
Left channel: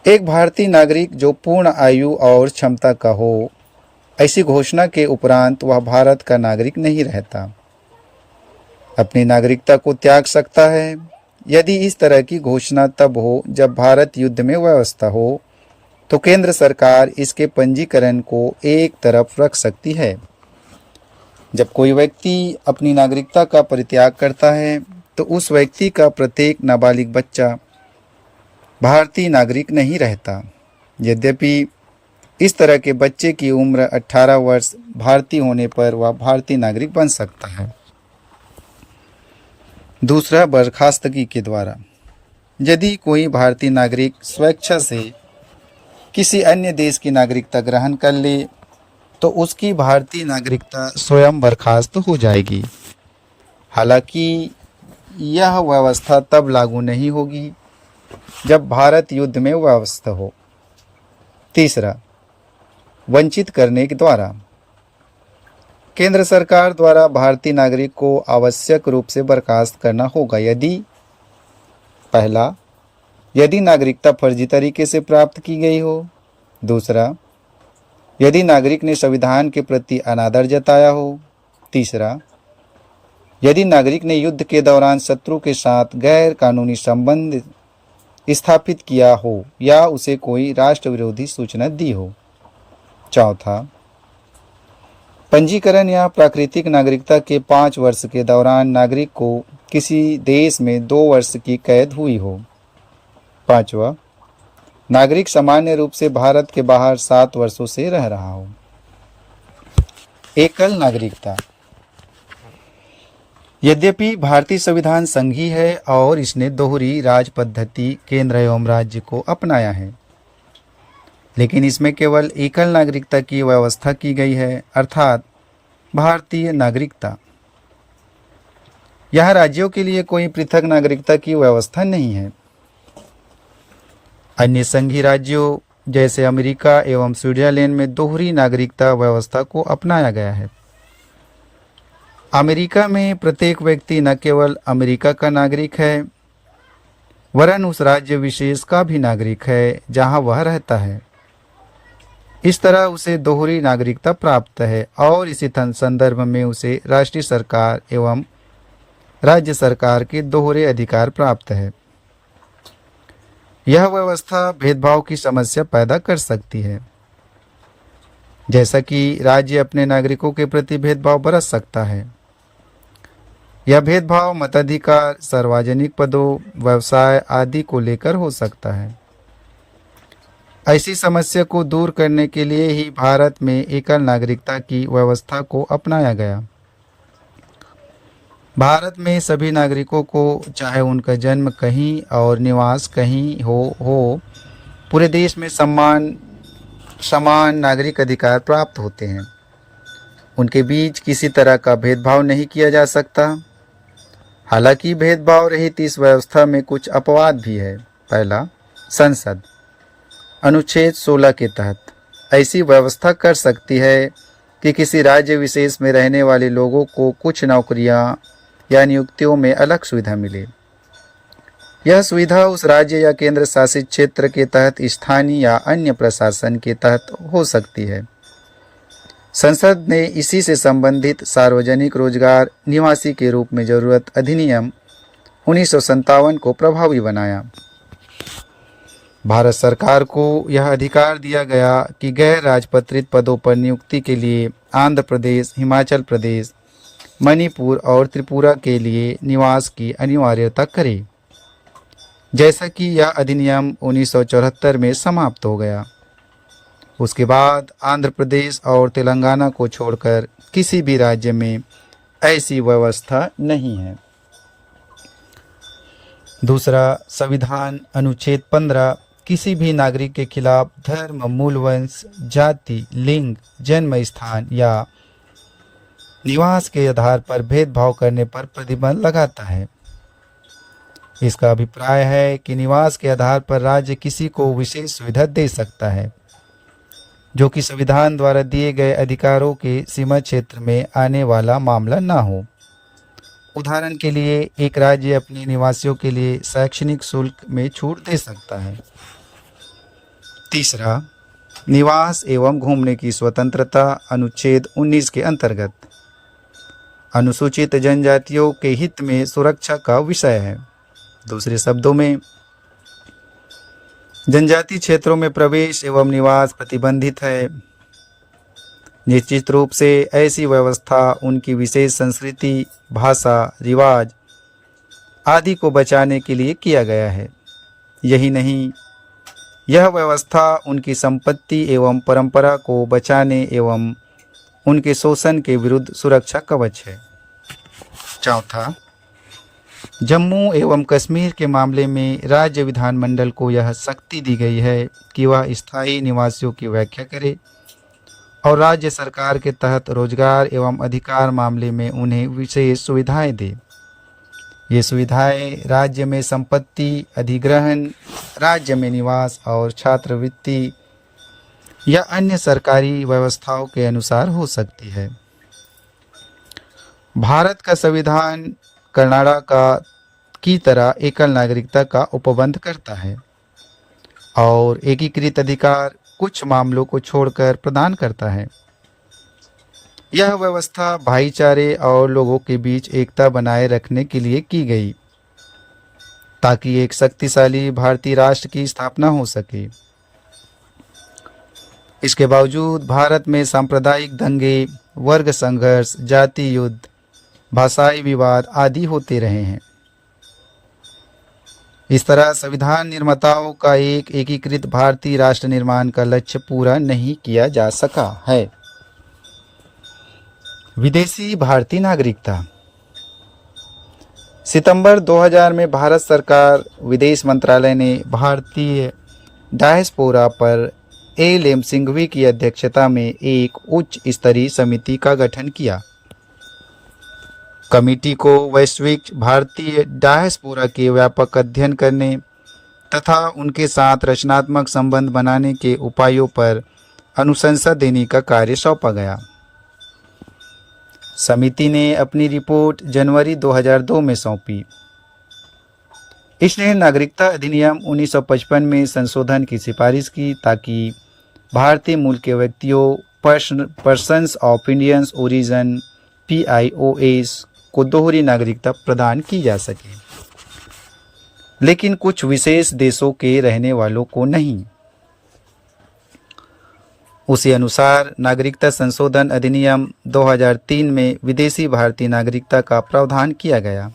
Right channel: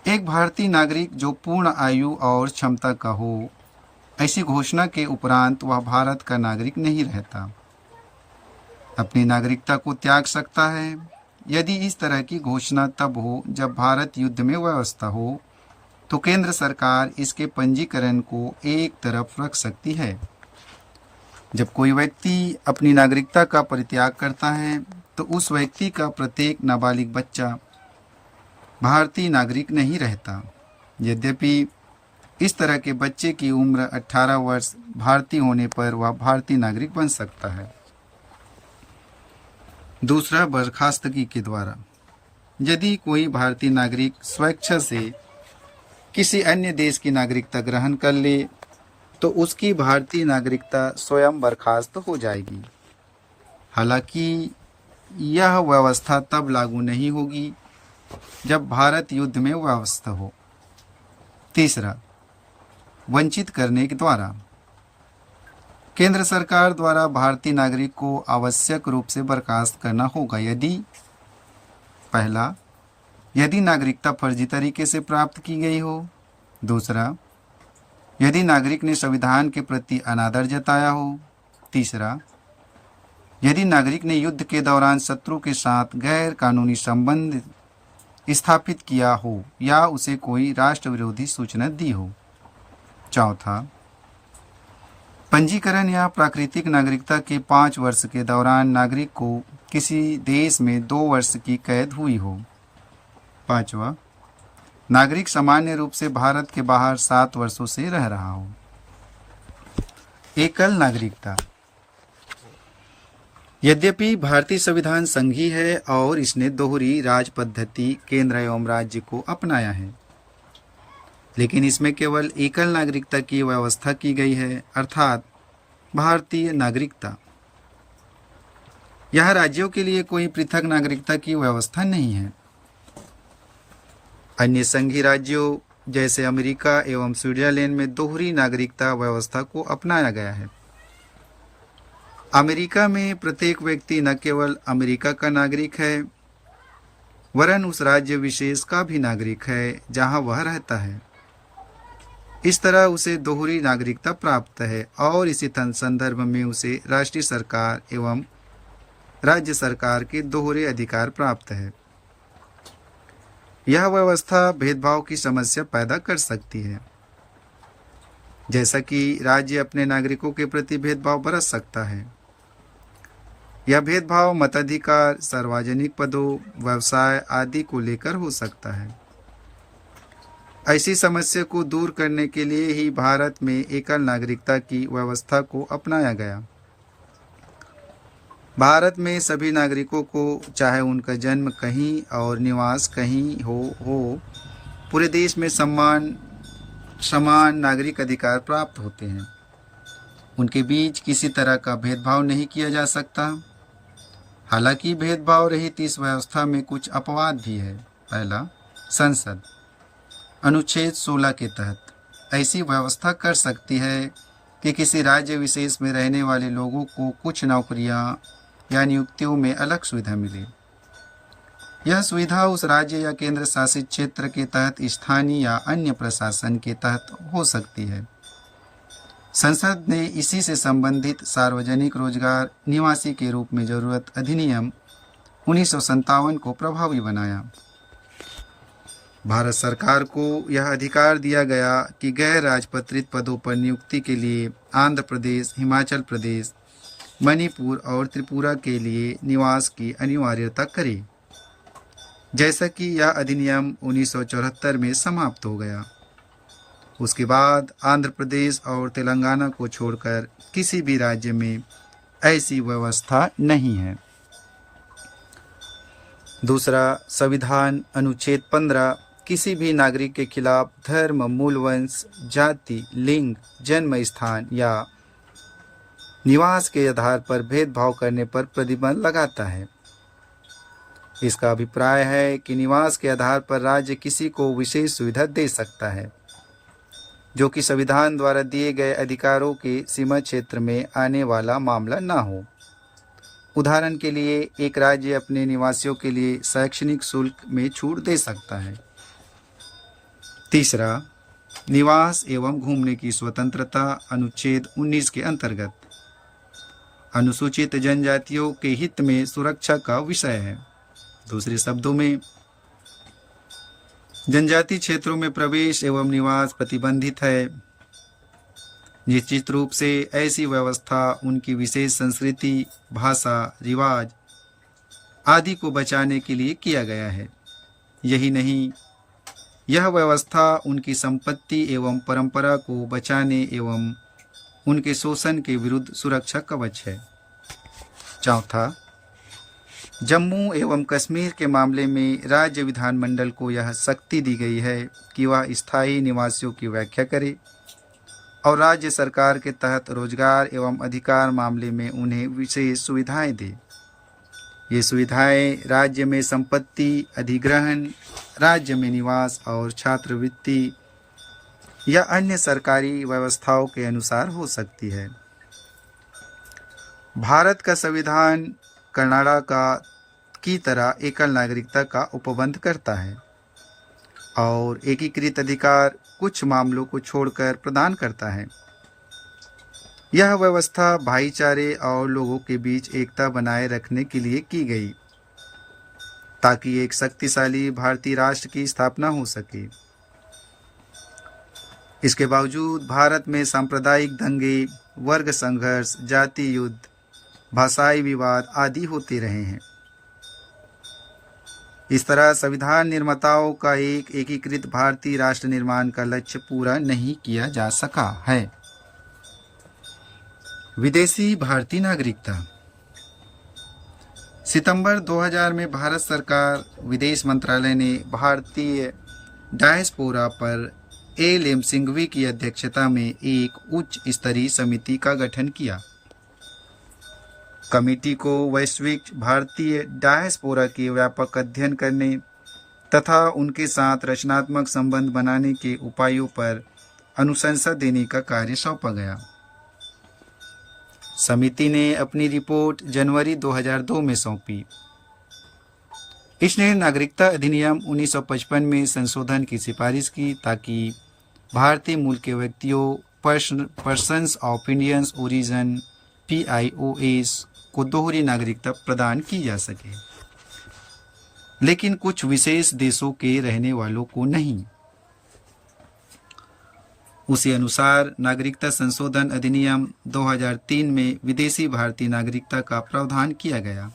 एक भारतीय नागरिक जो पूर्ण आयु और क्षमता का हो, ऐसी घोषणा के उपरांत वह भारत का नागरिक नहीं रहता। अपनी नागरिकता को त्याग सकता है यदि इस तरह की घोषणा तब हो जब भारत युद्ध में व्यवस्था हो, तो केंद्र सरकार इसके पंजीकरण को एक तरफ रख सकती है। जब कोई व्यक्ति अपनी नागरिकता का परित्याग करता है तो उस व्यक्ति का प्रत्येक नाबालिग बच्चा भारतीय नागरिक नहीं रहता। यद्यपि इस तरह के बच्चे की उम्र 18 वर्ष भारतीय होने पर वह भारतीय नागरिक बन सकता है। दूसरा, बर्खास्तगी के द्वारा। यदि कोई भारतीय नागरिक स्वेच्छा से किसी अन्य देश की नागरिकता ग्रहण कर ले तो उसकी भारतीय नागरिकता स्वयं बर्खास्त हो जाएगी। हालांकि यह व्यवस्था तब लागू नहीं होगी जब भारत युद्ध में व्यवस्था हो। तीसरा, वंचित करने के द्वारा। केंद्र सरकार द्वारा भारतीय नागरिक को आवश्यक रूप से बर्खास्त करना होगा यदि पहला, यदि नागरिकता फर्जी तरीके से प्राप्त की गई हो। दूसरा, यदि नागरिक ने संविधान के प्रति अनादर जताया हो। तीसरा, यदि नागरिक ने युद्ध के दौरान शत्रु के साथ गैर कानूनी संबंध स्थापित किया हो या उसे कोई राष्ट्र विरोधी सूचना दी हो। चौथा, पंजीकरण या प्राकृतिक नागरिकता के 5 वर्ष के दौरान नागरिक को किसी देश में 2 वर्ष की कैद हुई हो। पांचवा, नागरिक सामान्य रूप से भारत के बाहर 7 वर्षों से रह रहा हो। एकल नागरिकता। यद्यपि भारतीय संविधान संघीय है और इसने दोहरी राज पद्धति केंद्र एवं राज्य को अपनाया है, लेकिन इसमें केवल एकल नागरिकता की व्यवस्था की गई है, अर्थात भारतीय नागरिकता। यह राज्यों के लिए कोई पृथक नागरिकता की व्यवस्था नहीं है। अन्य संघीय राज्यों जैसे अमेरिका एवं स्विट्जरलैंड में दोहरी नागरिकता व्यवस्था को अपनाया गया है। अमेरिका में प्रत्येक व्यक्ति न केवल अमेरिका का नागरिक है वरन उस राज्य विशेष का भी नागरिक है जहां वह रहता है। इस तरह उसे दोहरी नागरिकता प्राप्त है और इसी संदर्भ में उसे राष्ट्रीय सरकार एवं राज्य सरकार के दोहरे अधिकार प्राप्त है। यह व्यवस्था भेदभाव की समस्या पैदा कर सकती है, जैसा कि राज्य अपने नागरिकों के प्रति भेदभाव बरत सकता है। यह भेदभाव मताधिकार, सार्वजनिक पदों, व्यवसाय आदि को लेकर हो सकता है। ऐसी समस्या को दूर करने के लिए ही भारत में एकल नागरिकता की व्यवस्था को अपनाया गया। भारत में सभी नागरिकों को चाहे उनका जन्म कहीं और निवास कहीं हो पूरे देश में समान नागरिक अधिकार प्राप्त होते हैं। उनके बीच किसी तरह का भेदभाव नहीं किया जा सकता। हालांकि भेदभाव रहित इस व्यवस्था में कुछ अपवाद भी है। पहला, संसद अनुच्छेद 16 के तहत ऐसी व्यवस्था कर सकती है कि किसी राज्य विशेष में रहने वाले लोगों को कुछ नौकरियां या नियुक्तियों में अलग सुविधा मिले। यह सुविधा उस राज्य या केंद्र शासित क्षेत्र के तहत स्थानीय या अन्य प्रशासन के तहत हो सकती है। संसद ने इसी से संबंधित सार्वजनिक रोजगार निवासी के रूप में जरूरत अधिनियम 1957 को प्रभावी बनाया। भारत सरकार को यह अधिकार दिया गया कि गैर राजपत्रित पदों पर नियुक्ति के लिए आंध्र प्रदेश, हिमाचल प्रदेश, मणिपुर और त्रिपुरा के लिए निवास की अनिवार्यता करे, जैसा कि यह अधिनियम 1974 में समाप्त हो गया। उसके बाद आंध्र प्रदेश और तेलंगाना को छोड़कर किसी भी राज्य में ऐसी व्यवस्था नहीं है। दूसरा, संविधान अनुच्छेद 15 किसी भी नागरिक के खिलाफ धर्म, मूल वंश, जाति, लिंग, जन्म स्थान या निवास के आधार पर भेदभाव करने पर प्रतिबंध लगाता है। इसका अभिप्राय है कि निवास के आधार पर राज्य किसी को विशेष सुविधा दे सकता है जो कि संविधान द्वारा दिए गए अधिकारों के सीमा क्षेत्र में आने वाला मामला न हो। उदाहरण के लिए, एक राज्य अपने निवासियों के लिए शैक्षणिक शुल्क में छूट दे सकता है। तीसरा, निवास एवं घूमने की स्वतंत्रता अनुच्छेद 19 के अंतर्गत अनुसूचित जनजातियों के हित में सुरक्षा का विषय है। दूसरे शब्दों में, जनजाति क्षेत्रों में प्रवेश एवं निवास प्रतिबंधित है। निश्चित रूप से ऐसी व्यवस्था उनकी विशेष संस्कृति, भाषा, रिवाज आदि को बचाने के लिए किया गया है। यही नहीं, यह व्यवस्था उनकी संपत्ति एवं परंपरा को बचाने एवं उनके शोषण के विरुद्ध सुरक्षा कवच है। चौथा, जम्मू एवं कश्मीर के मामले में राज्य विधानमंडल को यह शक्ति दी गई है कि वह स्थायी निवासियों की व्याख्या करे और राज्य सरकार के तहत रोजगार एवं अधिकार मामले में उन्हें विशेष सुविधाएं दे। ये सुविधाएं राज्य में संपत्ति अधिग्रहण, राज्य में निवास और छात्रवृत्ति या अन्य सरकारी व्यवस्थाओं के अनुसार हो सकती है। भारत का संविधान कर्नाटक की तरह एकल नागरिकता का उपबंध करता है और एकीकृत अधिकार कुछ मामलों को छोड़कर प्रदान करता है। यह व्यवस्था भाईचारे और लोगों के बीच एकता बनाए रखने के लिए की गई ताकि एक शक्तिशाली भारतीय राष्ट्र की स्थापना हो सके। इसके बावजूद भारत में सांप्रदायिक दंगे, वर्ग संघर्ष, जाति युद्ध, भाषाई विवाद आदि होते रहे हैं। इस तरह संविधान निर्माताओं का एक एकीकृत भारतीय राष्ट्र निर्माण का लक्ष्य पूरा नहीं किया जा सका है। विदेशी भारतीय नागरिकता। सितंबर 2000 में भारत सरकार विदेश मंत्रालय ने भारतीय डायस्पोरा पर एल.एम. सिंघवी की अध्यक्षता में एक उच्च स्तरीय समिति का गठन किया। कमेटी को वैश्विक भारतीय डायस्पोरा के व्यापक अध्ययन करने तथा उनके साथ रचनात्मक संबंध बनाने के उपायों पर अनुशंसा देने का कार्य सौंपा गया। समिति ने अपनी रिपोर्ट जनवरी 2002 में सौंपी। इसने नागरिकता अधिनियम 1955 में संशोधन की सिफारिश की ताकि भारतीय मूल के व्यक्तियों persons of Indian origin PIOS को दोहरी नागरिकता प्रदान की जा सके, लेकिन कुछ विशेष देशों के रहने वालों को नहीं। उसी अनुसार नागरिकता संशोधन अधिनियम 2003 में विदेशी भारतीय नागरिकता का प्रावधान किया गया।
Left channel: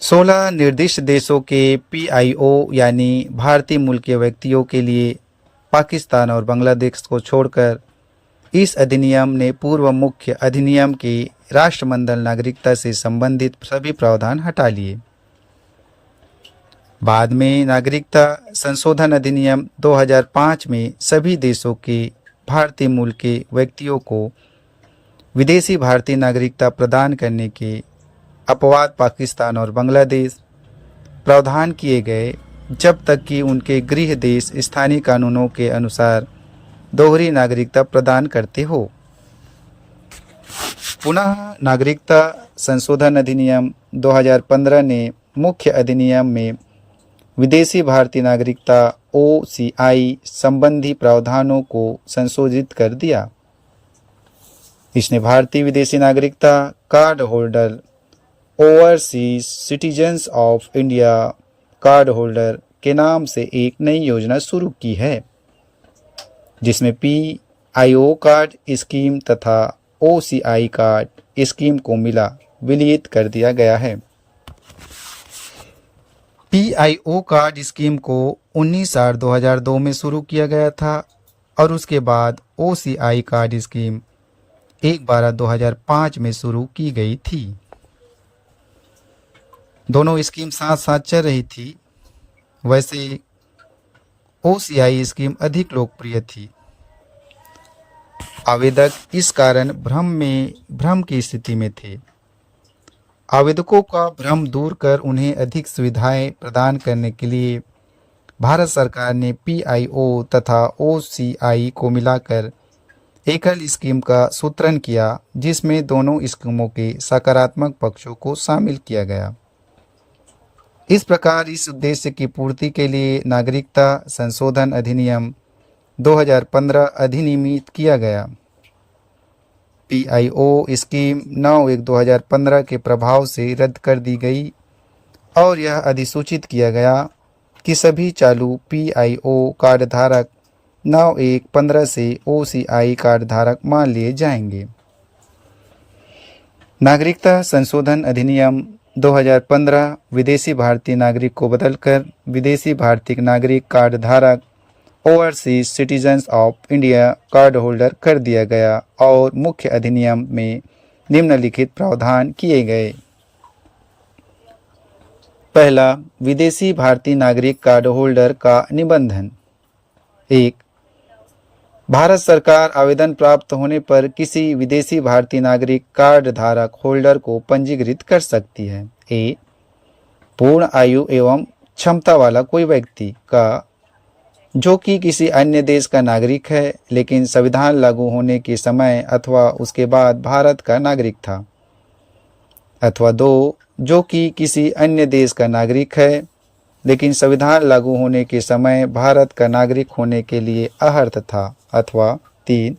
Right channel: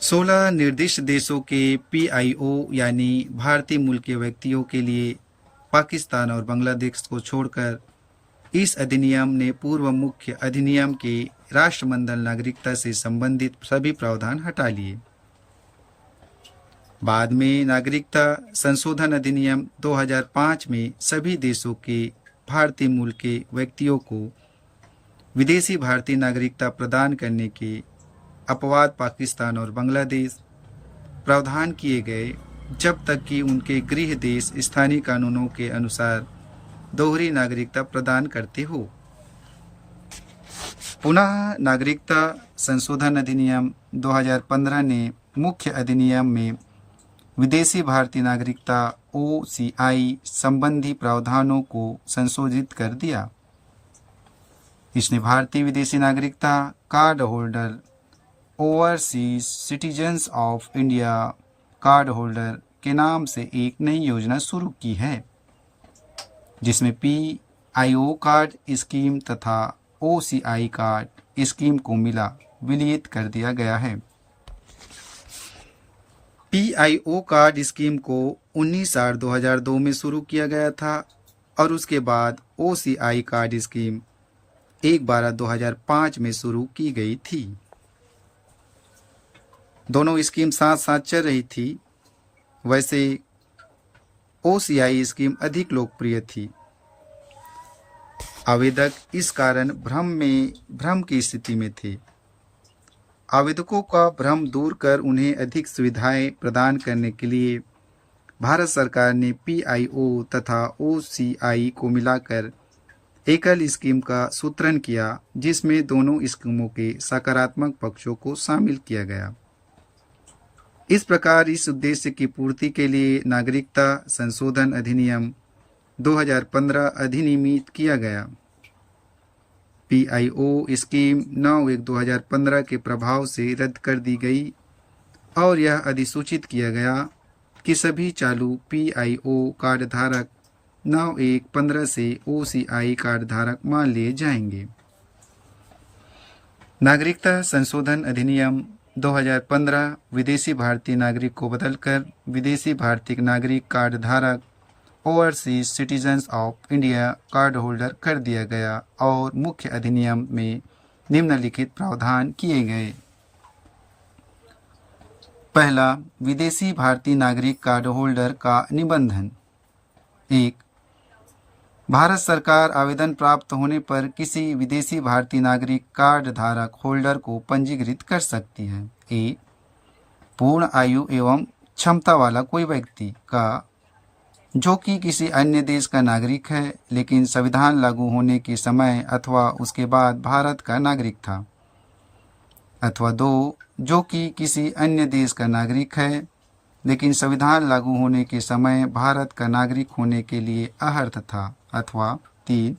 16 निर्दिष्ट देशों के PIO यानी भारतीय मूल के व्यक्तियों के लिए पाकिस्तान और बांग्लादेश को छोड़कर इस अधिनियम ने पूर्व मुख्य अधिनियम की राष्ट्रमंडल नागरिकता से संबंधित सभी प्रावधान हटा लिए। बाद में नागरिकता संशोधन अधिनियम 2005 में सभी देशों के भारतीय मूल के व्यक्तियों को विदेशी भारतीय नागरिकता प्रदान करने के अपवाद पाकिस्तान और बांग्लादेश प्रावधान किए गए जब तक कि उनके गृह देश स्थानीय कानूनों के अनुसार दोहरी नागरिकता प्रदान करते हो। पुनः नागरिकता संशोधन अधिनियम 2015 ने मुख्य अधिनियम में विदेशी भारतीय नागरिकता OCI संबंधी प्रावधानों को संशोधित कर दिया। इसने भारतीय विदेशी नागरिकता card holder overseas citizens of India card holder के नाम से एक नई योजना शुरू की है, जिसमें PIO कार्ड स्कीम तथा OCI कार्ड स्कीम को विलयित कर दिया गया है। PIO कार्ड स्कीम को 19/8/2002 में शुरू किया गया था और उसके बाद OCI कार्ड स्कीम 1/12/2005 में शुरू की गई थी। दोनों स्कीम साथ साथ चल रही थी। वैसे OCI स्कीम अधिक लोकप्रिय थी। आवेदक इस कारण भ्रम की स्थिति में थे। आवेदकों का भ्रम दूर कर उन्हें अधिक सुविधाएं प्रदान करने के लिए भारत सरकार ने PIO तथा OCI को मिलाकर एकल स्कीम का सूत्रण किया, जिसमें दोनों स्कीमों के सकारात्मक पक्षों को शामिल किया गया। इस प्रकार इस उद्देश्य की पूर्ति के लिए नागरिकता संशोधन अधिनियम 2015 अधिनियमित किया गया। PIO स्कीम 9/1/2015 के प्रभाव से रद्द कर दी गई और यह अधिसूचित किया गया कि सभी चालू PIO कार्ड धारक 9/1/15 से OCI कार्ड धारक मान लिए जाएंगे। नागरिकता संशोधन अधिनियम 2015 विदेशी भारतीय नागरिक को बदलकर विदेशी भारतीय नागरिक कार्ड धारक overseas citizens of India card holder कर दिया गया और मुख्य अधिनियम में निम्नलिखित प्रावधान किए गए। पहला, विदेशी भारतीय नागरिक कार्ड होल्डर का निबंधन। 1. भारत सरकार आवेदन प्राप्त होने पर किसी विदेशी भारतीय नागरिक कार्ड धारक होल्डर को पंजीकृत कर सकती है। ए. पूर्ण आयु एवं क्षमता वाला कोई व्यक्ति का जो कि किसी अन्य देश का नागरिक है लेकिन संविधान लागू होने के समय अथवा उसके बाद भारत का नागरिक था। अथवा 2. जो कि किसी अन्य देश का नागरिक है लेकिन संविधान लागू होने के समय भारत का नागरिक होने के लिए अहर्त था। अथवा 3.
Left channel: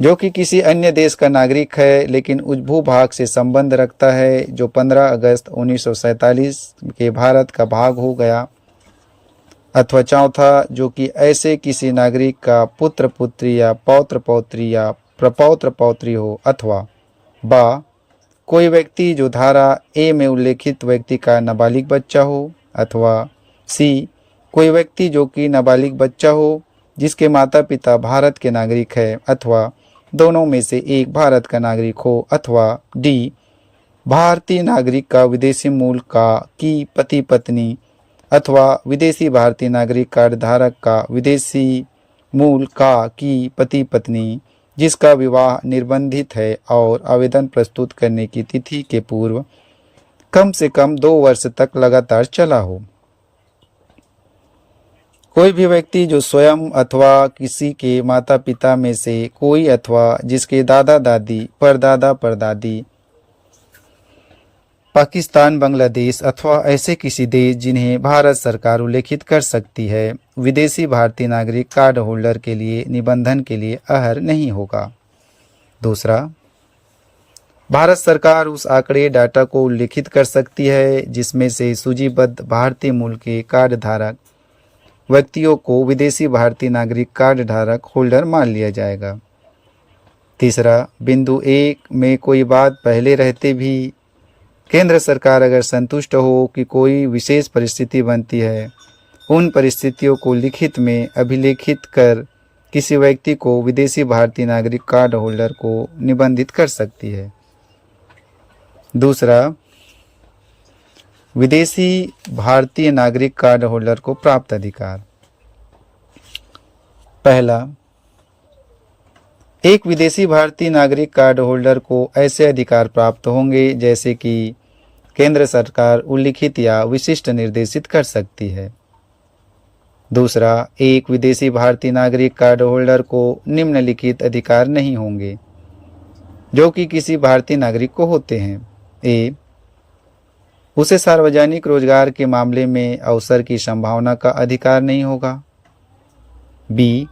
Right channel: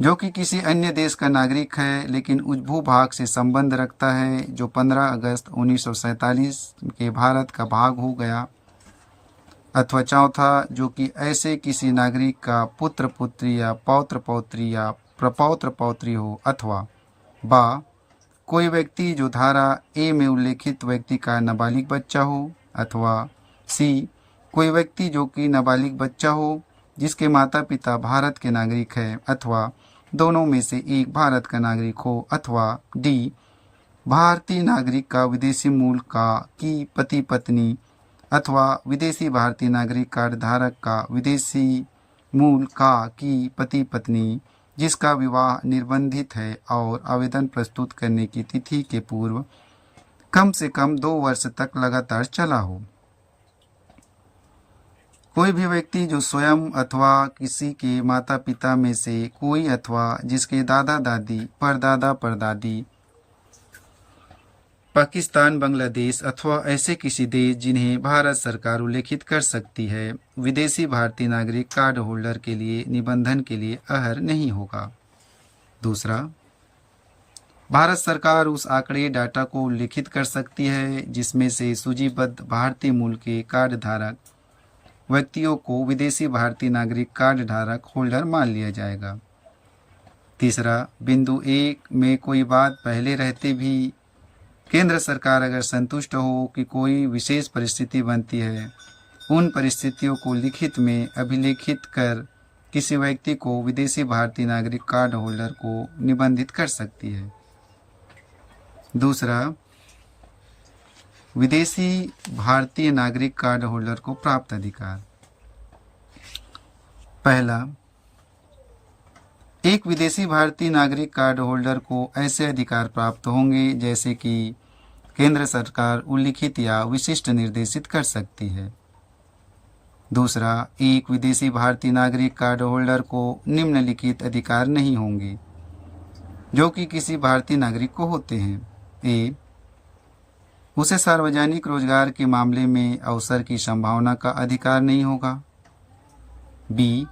जो कि किसी अन्य देश का नागरिक है लेकिन उस भूभाग से संबंध रखता है जो 15 अगस्त 1947 के भारत का भाग हो गया। अथवा 4. जो कि ऐसे किसी नागरिक का पुत्र पुत्री या पौत्र पौत्री या प्रपौत्र पौत्री हो। अथवा बा. कोई व्यक्ति जो धारा ए में उल्लेखित व्यक्ति का नाबालिग बच्चा हो। अथवा सी. कोई व्यक्ति जो कि नाबालिग बच्चा हो जिसके माता पिता भारत के नागरिक है अथवा दोनों में से एक भारत का नागरिक हो। अथवा डी. भारतीय नागरिक का विदेशी मूल का की पति पत्नी अथवा विदेशी भारतीय नागरिक कार्ड धारक का विदेशी मूल का की पति पत्नी जिसका विवाह निर्बंधित है और आवेदन प्रस्तुत करने की तिथि के पूर्व कम से कम 2 वर्ष तक लगातार चला हो। कोई भी व्यक्ति जो स्वयं अथवा किसी के माता पिता में से कोई अथवा जिसके दादा दादी परदादा परदादी पाकिस्तान, बांग्लादेश अथवा ऐसे किसी देश जिन्हें भारत सरकार उल्लेखित कर सकती है, विदेशी भारतीय नागरिक कार्ड होल्डर के लिए निबंधन के लिए अहर नहीं होगा। दूसरा, भारत सरकार उस आंकड़े डाटा को उल्लेखित कर सकती है जिसमें से सूचीबद्ध भारतीय मूल के कार्ड धारक व्यक्तियों को विदेशी भारतीय नागरिक कार्ड धारक होल्डर मान लिया जाएगा। तीसरा, बिंदु 1 में कोई बात पहले रहते भी केंद्र सरकार अगर संतुष्ट हो कि कोई विशेष परिस्थिति बनती है, उन परिस्थितियों को लिखित में अभिलेखित कर किसी व्यक्ति को विदेशी भारतीय नागरिक कार्ड होल्डर को निबंधित कर सकती है। दूसरा, विदेशी भारतीय नागरिक कार्ड होल्डर को प्राप्त अधिकार। पहला, एक विदेशी भारतीय नागरिक कार्ड होल्डर को ऐसे अधिकार प्राप्त होंगे जैसे कि केंद्र सरकार उल्लिखित या विशिष्ट निर्देशित कर सकती है। दूसरा, एक विदेशी भारतीय नागरिक कार्ड होल्डर को निम्नलिखित अधिकार नहीं होंगे जो कि किसी भारतीय नागरिक को होते हैं। ए, उसे सार्वजनिक रोजगार के मामले में अवसर की संभावना का अधिकार नहीं होगा। बी,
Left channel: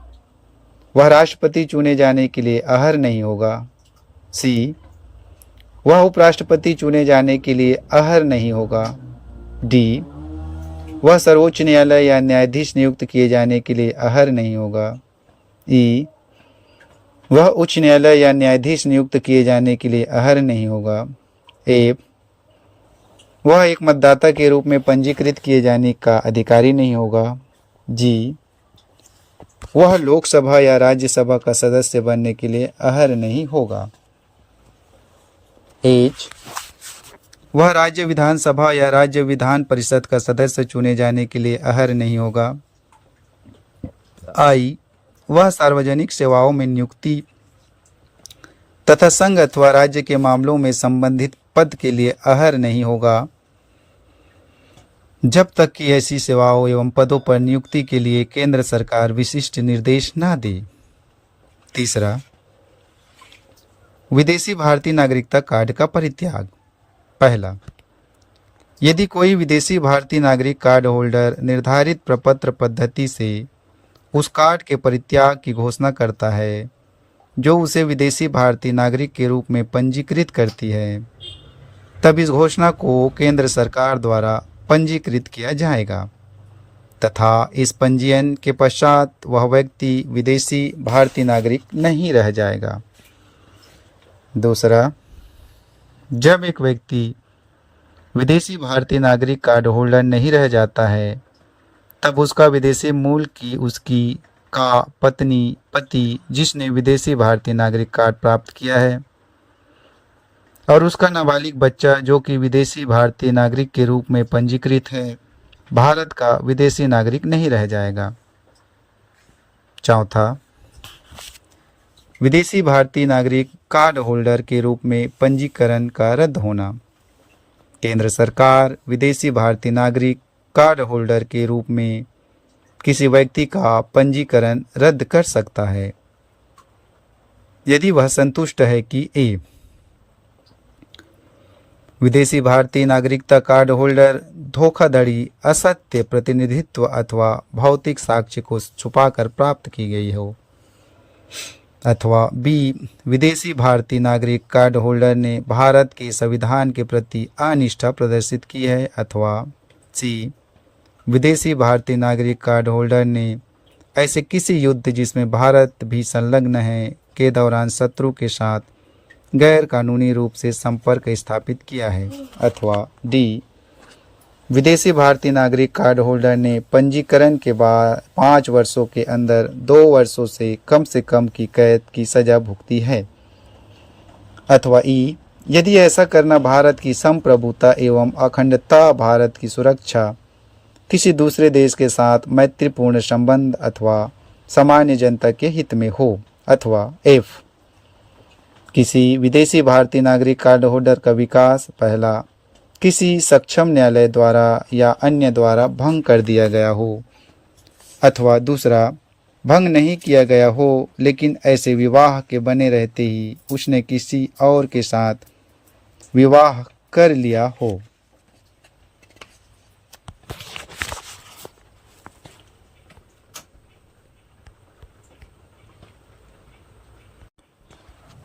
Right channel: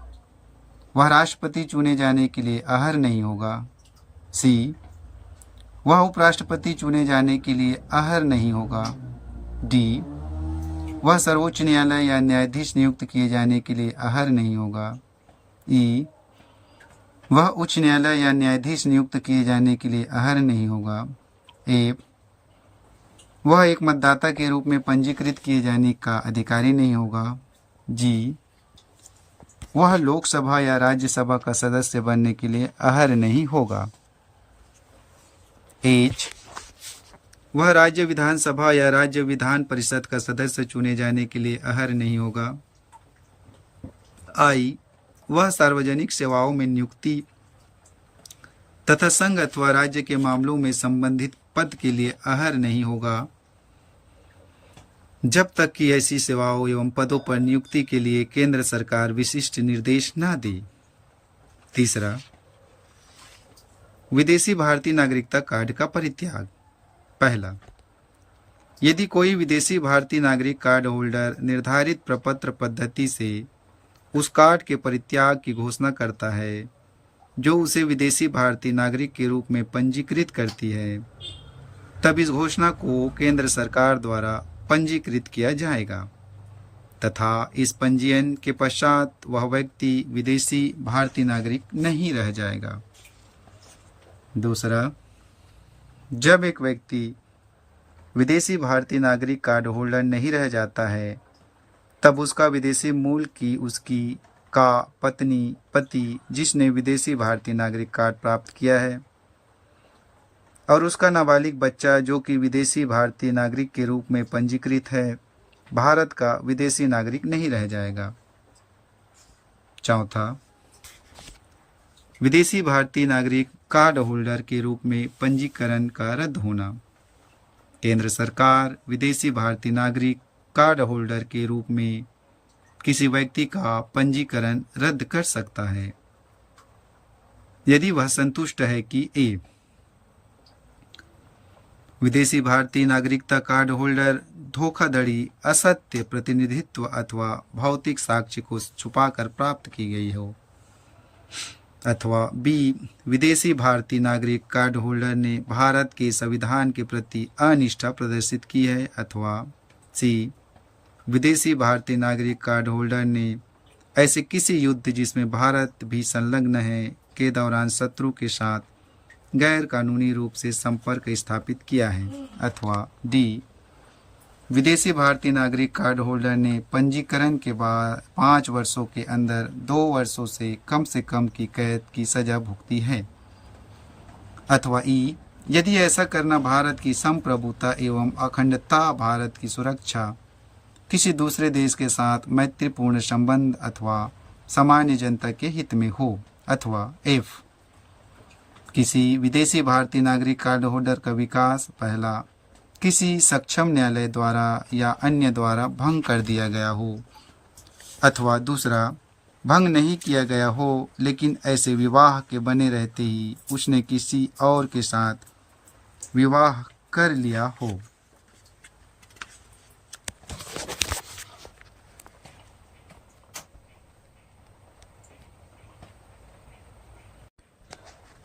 वह राष्ट्रपति चुने जाने के लिए अहर नहीं होगा। सी, वह उपराष्ट्रपति चुने जाने के लिए अहर नहीं होगा। डी, वह सर्वोच्च न्यायालय या न्यायाधीश नियुक्त किए जाने के लिए अहर नहीं होगा। ई, वह उच्च न्यायालय या न्यायाधीश नियुक्त किए जाने के लिए अहर नहीं होगा। एफ, वह एक मतदाता के रूप में पंजीकृत किए जाने का अधिकारी नहीं होगा। जी, वह लोकसभा या राज्यसभा का सदस्य बनने के लिए अहर नहीं होगा। एच, वह राज्य विधानसभा या राज्य विधान परिषद का सदस्य चुने जाने के लिए अहर नहीं होगा। आई, वह सार्वजनिक सेवाओं में नियुक्ति तथा संघ अथवा राज्य के मामलों में संबंधित पद के लिए अहर नहीं होगा जब तक कि ऐसी सेवाओं एवं पदों पर नियुक्ति के लिए केंद्र सरकार विशिष्ट निर्देश न दे। तीसरा, विदेशी भारतीय नागरिकता कार्ड का परित्याग। पहला, यदि कोई विदेशी भारतीय नागरिक कार्ड होल्डर निर्धारित प्रपत्र पद्धति से उस कार्ड के परित्याग की घोषणा करता है जो उसे विदेशी भारतीय नागरिक के रूप में पंजीकृत करती है, तब इस घोषणा को केंद्र सरकार द्वारा पंजीकृत किया जाएगा तथा इस पंजीयन के पश्चात वह व्यक्ति विदेशी भारतीय नागरिक नहीं रह जाएगा। दूसरा, जब एक व्यक्ति विदेशी भारतीय नागरिक कार्ड होल्डर नहीं रह जाता है तब उसका विदेशी मूल की उसकी का पत्नी पति जिसने विदेशी भारतीय नागरिक कार्ड प्राप्त किया है और उसका नाबालिग बच्चा जो कि विदेशी भारतीय नागरिक के रूप में पंजीकृत है भारत का विदेशी नागरिक नहीं रह जाएगा। चौथा, विदेशी भारतीय नागरिक कार्ड होल्डर के रूप में पंजीकरण का रद्द होना। केंद्र सरकार विदेशी भारतीय नागरिक कार्ड होल्डर के रूप में किसी व्यक्ति का पंजीकरण रद्द कर सकता है यदि वह संतुष्ट है कि ए, विदेशी भारतीय नागरिकता कार्ड होल्डर धोखाधड़ी, असत्य प्रतिनिधित्व अथवा भौतिक साक्ष्य को छुपाकर प्राप्त की गई हो, अथवा बी, विदेशी भारतीय नागरिक कार्ड होल्डर ने भारत के संविधान के प्रति अनिष्ठा प्रदर्शित की है, अथवा सी, विदेशी भारतीय नागरिक कार्ड होल्डर ने ऐसे किसी युद्ध जिसमें भारत भी संलग्न है के दौरान शत्रु के साथ गैर कानूनी रूप से संपर्क स्थापित किया है, अथवा डी, विदेशी भारतीय नागरिक कार्ड होल्डर ने पंजीकरण के बाद 5 वर्षों के अंदर 2 वर्षों से कम की कैद की सजा भुगती है, अथवा ई, यदि ऐसा करना भारत की संप्रभुता एवं अखंडता, भारत की सुरक्षा, किसी दूसरे देश के साथ मैत्रीपूर्ण संबंध अथवा सामान्य जनता के हित में हो, अथवा एफ, किसी विदेशी भारतीय नागरिक कार्ड होल्डर का विकास पहला किसी सक्षम न्यायालय द्वारा या अन्य द्वारा भंग कर दिया गया हो, अथवा दूसरा भंग नहीं किया गया हो लेकिन ऐसे विवाह के बने रहते ही उसने किसी और के साथ विवाह कर लिया हो।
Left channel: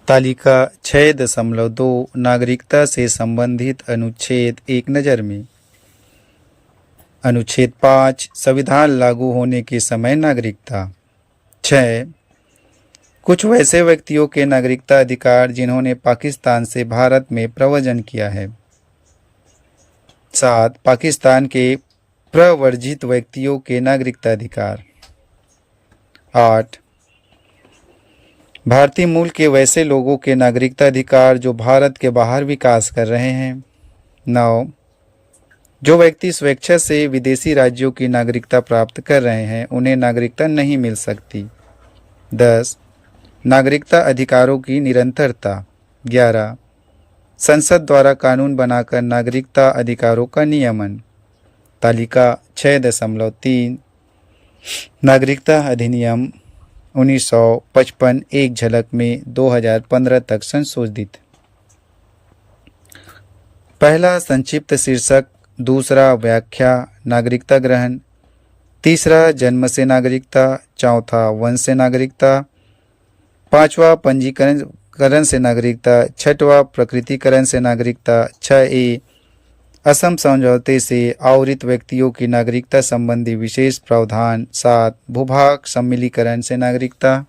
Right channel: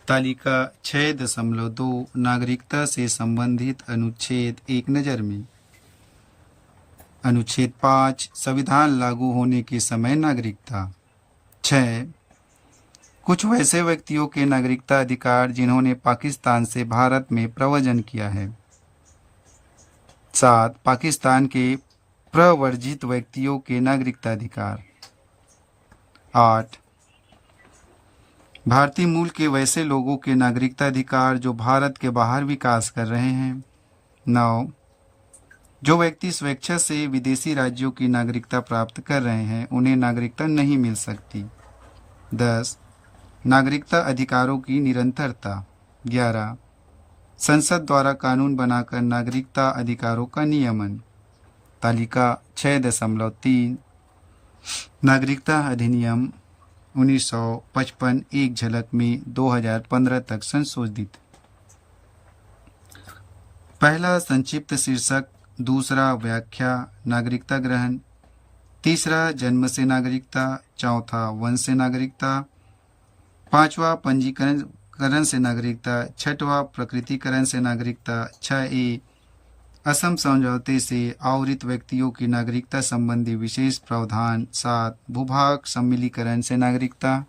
तालिका 6.2 नागरिकता से संबंधित अनुच्छेद एक नज़र में। अनुच्छेद 5 संविधान लागू होने के समय नागरिकता। 6 कुछ वैसे व्यक्तियों के नागरिकता अधिकार जिन्होंने पाकिस्तान से भारत में प्रव्रजन किया है। 7 पाकिस्तान के प्रव्रजित व्यक्तियों के नागरिकता अधिकार। 8 भारतीय मूल के वैसे लोगों के नागरिकता अधिकार जो भारत के बाहर विकास कर रहे हैं। 9 जो व्यक्ति स्वेच्छा से विदेशी राज्यों की नागरिकता प्राप्त कर रहे हैं उन्हें नागरिकता नहीं मिल सकती। 10 नागरिकता अधिकारों की निरंतरता। 11 संसद द्वारा कानून बनाकर नागरिकता अधिकारों का नियमन। तालिका 6.3 नागरिकता अधिनियम 1955 एक झलक में 2015 तक संशोधित। पहला संक्षिप्त शीर्षक, दूसरा व्याख्या नागरिकता ग्रहण, तीसरा जन्म से नागरिकता, चौथा वंश से नागरिकता, पांचवा पंजीकरण से नागरिकता, छठवा प्रकृतिकरण से नागरिकता, 6A असम समझौते से आवरित व्यक्तियों की नागरिकता संबंधी विशेष प्रावधान, 7 भूभाग सम्मिलीकरण से नागरिकता।